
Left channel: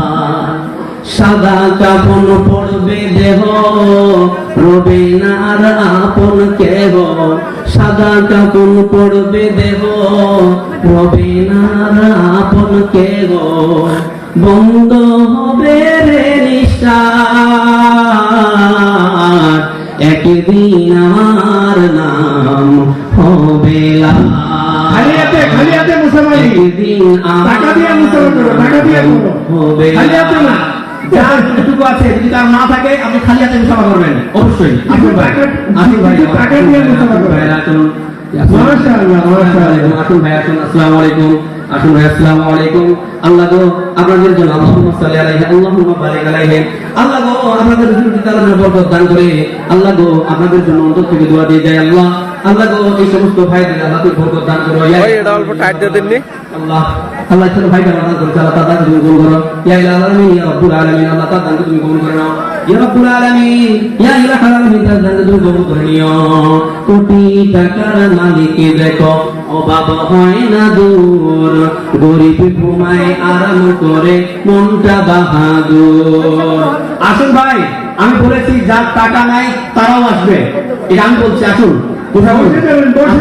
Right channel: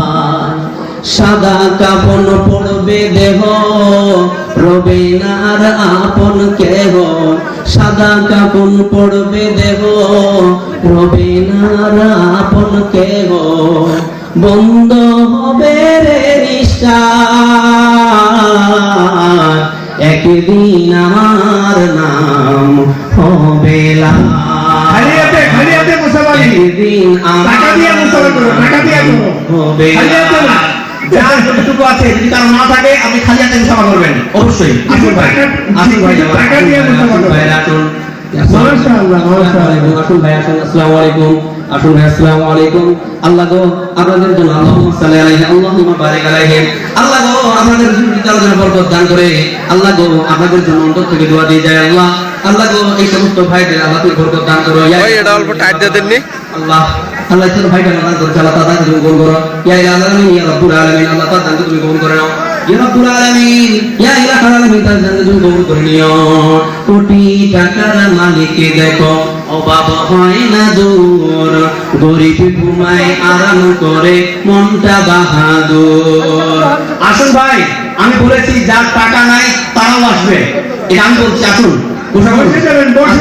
সাদা কাফন পড়বে দেহ, রবে না আর আপন কেহ। সাদা কাফন পড়বে দেহ, রবে না আর আপন কেহ। বন্ধ হবে রে নিঃশ্বাস, একদিন আমার নাম হবে লাশ। খালি হাতে মুসাফা নেই, একদিন টাকা দিয়ে মুসাফা করো, টাকা দিয়ে করো, হবে খালি হাতে না। যার যতটুকু আছে, যদি তার না থাকে আপনি খালি হাতে মুসাফা করবেন অবশ্যই। আসুন ভাই, আসুন ভাই, টাকা দিয়ে মুসাফা করো। ভাই আসুন। মাশাআল্লাহ, মাশাআল্লাহ। আসুন ভাই আসুন। আসসালামু আলাইকুম। আসুন ভাই, আসসালামু আলাইকুম। আল্লাহ গো আপনাদের জন্য আল্লাহুম্মা সাল্লি আলাইহি আল্লাহুম্মা বারিক আলাইহি আল্লাহ গো আপনাদের জন্য বরকত দান করে আল্লাহ গো আপনাদের জন্য অন্তর থেকে দোয়া দিয়ে যায় আল্লাহ। আল্লাহ গো এই সমস্ত ভাইদের আল্লাহ তুমি বরকত দান করো। ভাই এটা অল্প টাইট দিয়ে দেননি। আল্লাহ আল্লাহ ছোট ভাইটা দান করো, আল্লাহ তার দান তুমি কবুল করো। ইয়া ইলাহাল আলামিন ইয়া রাব্বুল আলামিন আল্লাহ তার দান তুমি কবুল করে নাও। ইয়া রাব্বুল আলামিন ইয়া ইলাহাল আলামিন তার দান তুমি কবুল করে নিও। কোটি টাকার মালিককে দেখো, অভাব হয় না দূর, গরিব ঘুমায় আরাম করে মনটা বাহাদুর। আসুন ভাই, আমি বলেছি যার টাকা নাই তারাও আসবে, এটা আমি বলছি। আসুন বসে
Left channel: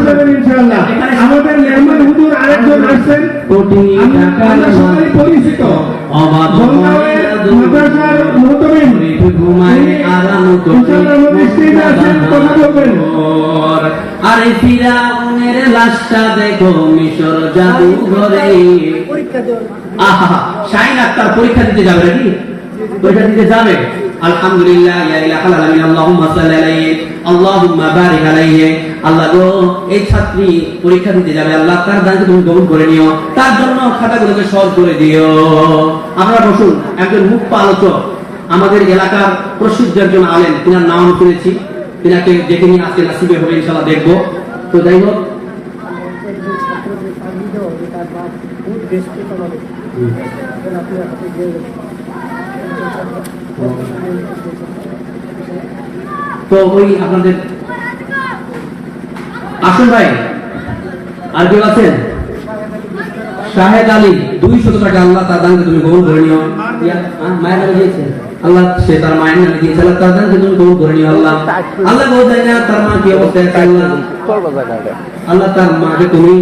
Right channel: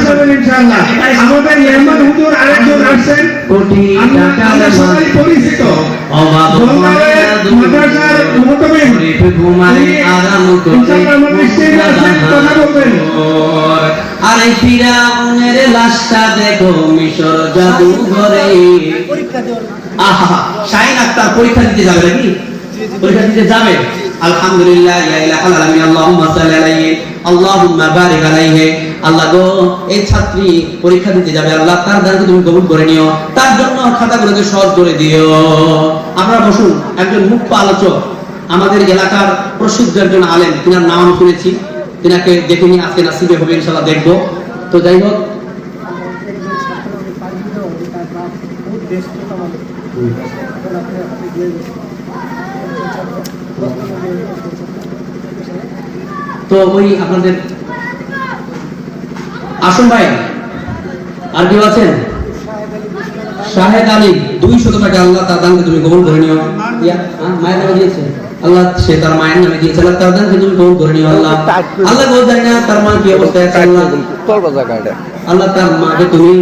যাবেন ইনশাআল্লাহ। আমাদের মেহমান হুজুর আরেকজন আসছেন, কোটি টাকার সবাই পরিচিত, অভাব হয় না দূর, মাদ্রাসার মুহতামিম, গরিব ঘুমায় আরাম করে ইনশাআল্লাহ আমাদের স্টেজে আসেন, কথা বলবেন। আরে ফিরাউনের লাশটা দেখো মিশর জাদুঘরে। আহা, শাহিন আক্তার পরীক্ষা দিতে যাবে নাকি? পরীক্ষা দিতে যাবে। আলহামদুলিল্লাহ, ইয়া ইলাহাল আলামিন আল্লাহুম্মা সাল্লি আলাইহি আল্লাহুম্মা বারিক আলাইহি। আল্লাহ গো এই ছাত্রী পরীক্ষা দিতে যাবে, আল্লাহ তার দানকে তুমি কবুল করে নিও, তার জন্য খাতাগুলোকে সহজ করে দিও। আপনারা বসুন। একজন মুখ্য আলোচক, আমাদের এলাকার প্রসিদ্ধ একজন আলেম, তিনার নাম শুনেছি, তিনাকে দেখে নিয়ে আজকে নাসিবে হবে ইনশাআল্লাহ দেখবো। তো যাই হোক, এখন আপনি হাতে দিয়ে গেছেন তো ওই আপনাদের আসুন ভাই, আর কেউ আছেন? শাহেদ আলী 200 টাকা, আল্লাহ তার দানকে তুমি কবুল করে নিও। মায়ের নামে দিয়েছে আল্লাহ, সে তার মায়ের নামে দিয়েছে, আল্লাহ তার দানকে তুমি কবুল করে নিও। আল্লাহ আল্লাহ বলতে না তার মা কি অবস্থায় আছে, আল্লাহ আল্লাহ তার মাকে তুমি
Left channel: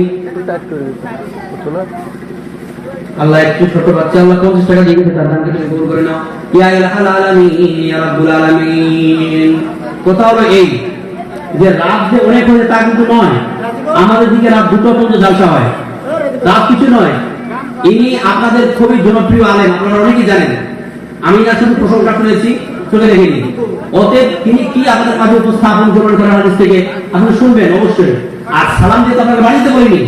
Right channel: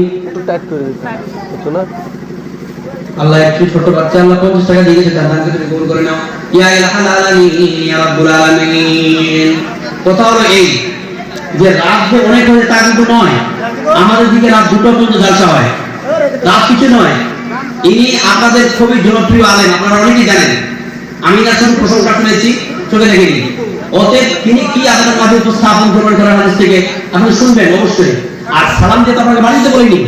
আল্লাহ একটু ছোট বাচ্চা আল্লাহ 50 টাকা দিয়ে গেছে, তার দানকে তুমি কবুল করে নাও। ইয়া ইলাহাল আলামিন ইয়া রাব্বুল আলামিন। কথা হলো এই যে রাত যে অনেক হয়ে তা কিন্তু নয়, আমাদের দিকে রাত 2টা পর্যন্ত জালসা হয়, রাত কিছু নয়। ইনি আপনাদের খুবই জনপ্রিয় আলেম, আপনারা অনেকেই জানেন, আমি না শুধু প্রশংসা শুনেছি, চোখে দেখিনি। অতএব তিনি কি আপনাদের মাঝে উপস্থাপন করেন হাদিস থেকে আপনি শুনবেন অবশ্যই। আর সালাম যেতে আপনাকে বাড়িতে বলিনি,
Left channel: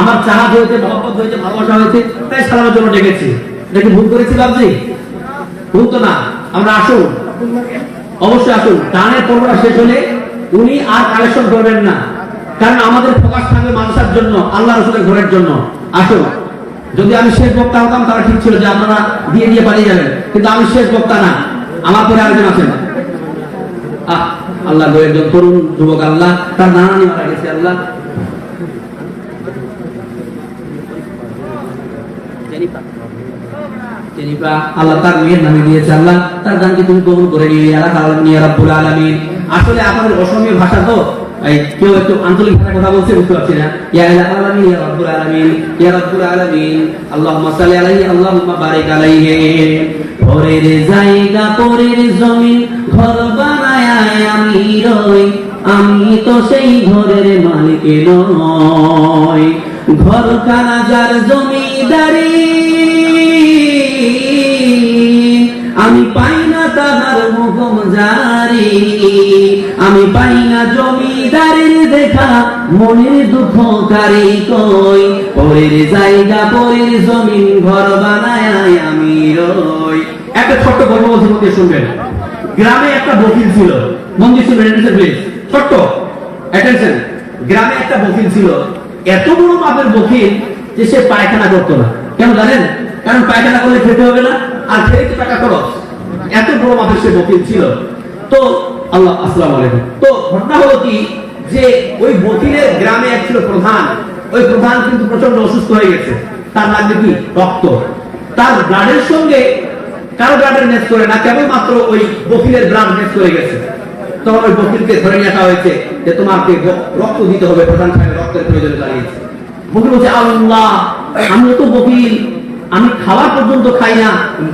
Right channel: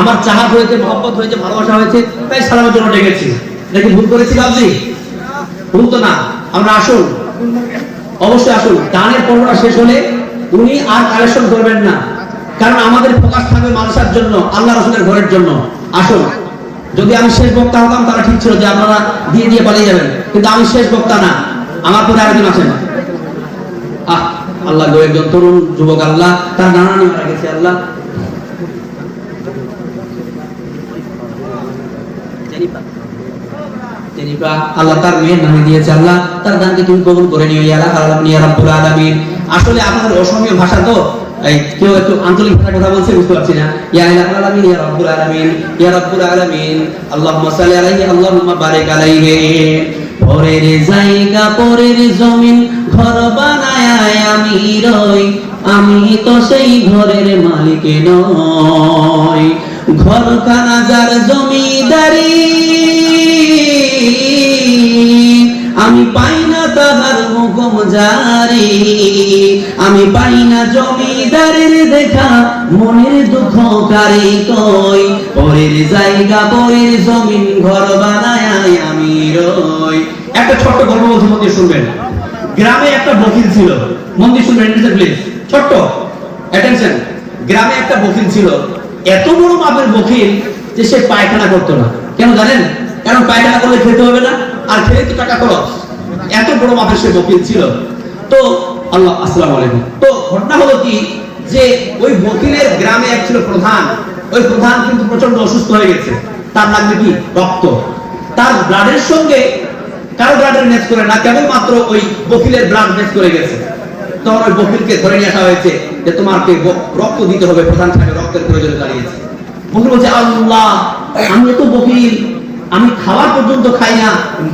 আমার চাহাত হয়েছে, মহব্বত হয়েছে, ভালোবাসা হয়েছে, তাই সালামের জন্য ডেকেছি। দেখি ভুল করেছি আপনি? ভুল তো না। আমরা আসুন, অবশ্যই আসুন। গানের পর্বটা শেষ হলে উনি আর কালেকশন করবেন না, কারণ আমাদের ফোকাস থাকবে মাদ্রাসার জন্য, আল্লাহ রাসূলের ঘরের জন্য। আসুন, যদি আমি শেষ বক্তা হতাম তাহলে ঠিক ছিল যে আপনারা দিয়ে দিয়ে পালিয়ে যাবেন, কিন্তু আমি শেষ বক্তা না, আমার পরে আরেকজন আছেন। আল্লাহ গো, একজন তরুণ যুবক, আল্লাহ তার নানানি মারা গেছে, আল্লাহ আল্লাহ তার মেয়ের নামে দিয়েছে, আল্লাহ তার দানকে তুমি কবুল করে নিও ইয়া রাব্বুল আলামিন। আসলে আপনাদের অসমীয় ভাষা তো, কেউ একটু আঞ্চলিক ভাষায় কথা বলছে, বুঝতে পারছি না। ইয়া আলামিন ইয়া রাব্বুল আলামিন ইয়া রাব্বুল আলামিন আল্লাহুম্মা সাল্লি আলাইহি আল্লাহুম্মা বারিক আলাইহি। পরের জায়গা পরের জমিন ঘর বানায়া আমি রই, আমি তো সেই ঘরের মালিক নই। ঘরখানা যার জমিদারি, আমি পাই না তাহার হুকুম জারি, আমি পাই না জমিদারের দেখা, মনের দুঃখ কারে কই। পরের জায়গা পরের জমিন ঘর বানায় আমি রই। একটা ছোট্ট গল্প বলছি, মন দিয়ে শুনবেন। গ্রামে একটা বকিল ছিল, মন দিয়ে শুনবেন প্লিজ, ছোট্ট অ্যাটেনশন। গ্রামে একটা বকিল ছিল, এত বড় মাপের বকিল যে সে পায়খানা করতো না। কেন জানেন? কারণ পায়খানা করলে খেতে হবে না, আর খেয়ে তো টাকা খরচ। এত বড় মাপের সে বকিল ছিল। তো আল্লাহ, আসসালামু আলাইকুম। তো ঘটনা হলো কি, যে ওই বকিলের গ্রামে এক ছিল প্রধান। ওই প্রধান কিন্তু প্রচন্ড অসুস্থ হয়ে গেছে, তার লাগবে কি রক্ত। তার ব্লাডের সঙ্গে কারো ব্লাডের ম্যাচ করে না, কেবলমাত্র ওই বকিলের ব্লাড ম্যাচ করে গেছে। তখন ওই বকিলকে ধরে নিয়ে আসা হয়েছে যে তোমাকে রক্ত দিতে হবে, প্রধান সাহেব রক্তের প্রয়োজন দাঁড়িয়েছে। বকিল বলছে, আল্লাহ আমি তো বকিল, আমি খাবার পর্যন্ত খাই না,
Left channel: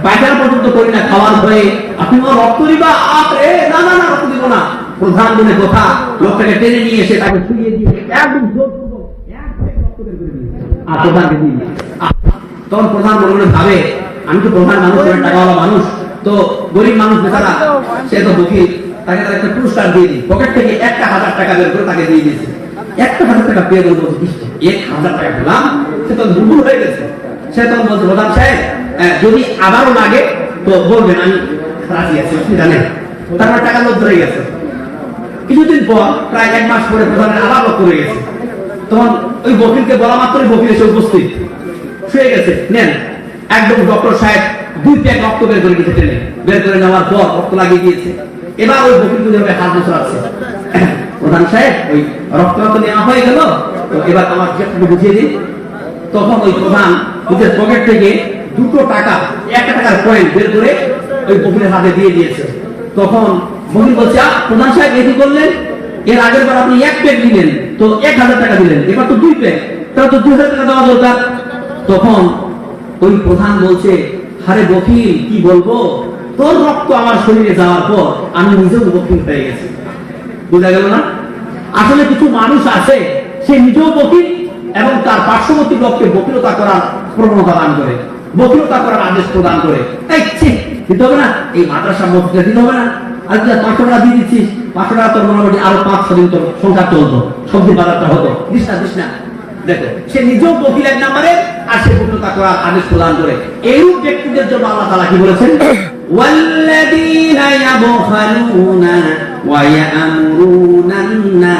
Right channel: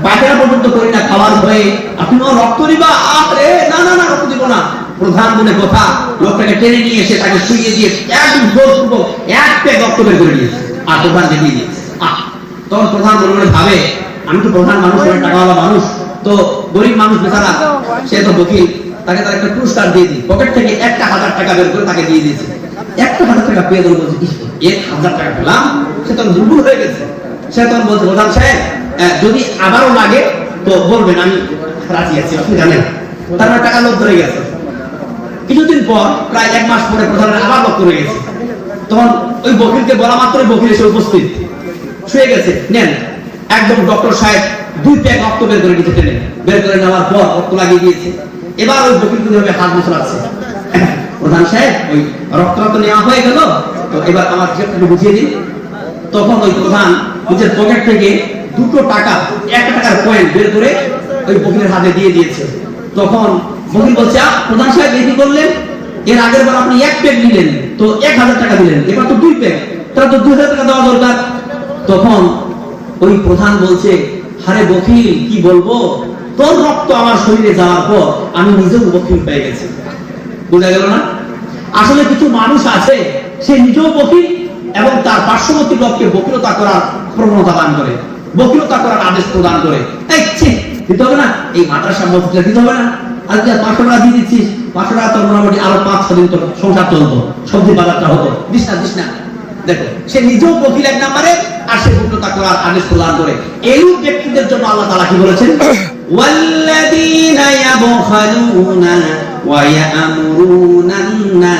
পায়খানা পর্যন্ত করি না, খাওয়ার ভয়ে আপনি আমার রক্ত দিবা? আরে না না না, রক্ত দিব না। প্রধান বলে কথা, লোকটাকে টেনে নিয়ে এসে তাকে শুইয়ে দিয়ে একদম জোরপূর্বক এক প্যাক রক্ত বের করে দিয়েছে, আর প্রধানকে দিয়ে দিয়েছে। তখন প্রধান মনে মনে ভাবে, আমি তো প্রধান মানুষ, অনেক টাকাওয়ালা মানুষ, তো গরিব মানুষ বেচারা, সে তো বকিল, তাকে তার একটা পুরস্কার দিয়ে দিই। পকেট থেকে 1000 টাকা বের করে তাকে দিয়ে দিয়েছে। 1000 টাকা পেয়ে গেল, বলছে 1000 টাকা পেলাম। সে তখন দুর্বল হয়ে গেছে। সে তখন বলছে, প্রধান সাহেব যদি আবারও লাগে তো বলবেন, আমি রাজি আছি, আপনি জানেন। তারপরে টাকা লোক ধরে গেছে। কিছুদিন পর, প্রায় 1 মাস পরে প্রধানের আবার লোক ধরে গেছে। তখন ওই বকিলকে বলা মাত্রই বকিল এসে উপস্থিত, শুয়ে গেছে। নেন, একদম ডক্টর সাহেব 2 প্যাক রক্ত বের করে দিতে টেনে বের করে নেওয়ার পর রক্ত লাগিয়ে দিয়েছে। এবার ওই বকিল কিভাবে হাত মুছড়াচ্ছে। প্রধান সাহেব ওই রক্ত নেওয়া হয়ে গেল, তো এবার আমার হিসাবটা বুঝিয়ে দিন। তখন ওই প্রধান নিজের পকেট থেকে 2 টাকা, 1 টাকার কয়েন বের করে ওই বকিলের হাতে দিয়ে দিয়েছে। তখন বকিল বলছে, প্রধান সাহেব কি করলেন? এর আগের বার আপনি 1 প্যাক দিলেন, তো 1000 টাকা দিলেন, এবার তো 2 প্যাক, তাহলে তো 2000 টাকা দেওয়া দরকার। তখন ওই প্রধান বলছে, আরে বকিল কি বলবো, তোর রক্ত আমার শরীরে যাওয়ার পর আমি নিজেও বকিল হয়ে গেছি। বুঝা গেল না? আসলে কিছু মানুষ আছে, সে নিজেও বকিল এবং তার পার্শ্ববর্তী লোককে বকিলতা করার প্রবণতা দান করে, বকিলতা করার আদেশ প্রদান করে। দিতে হবে না, এই মাদ্রাসা মসজিদে দিতে হবে না, আর 500 টাকা দিয়ে দিচ্ছিস, 500 টাকা তোর মোটামুটি আরো 5-6 দিন তোর সংসার চলতো, সবজি বাজারটা হতো, দিস না। দেখো, সে নিজেও বকিল 1 নম্বরে, আর সে বকিলতা করার আদেশ প্রদান করে। এইরূপ ব্যক্তিদের জন্য আল্লাহ তাআলা কি বলেছেন? ওয়াল্লাযীনা ইয়াবখালুনা ওয়া ইয়া'মুরুনা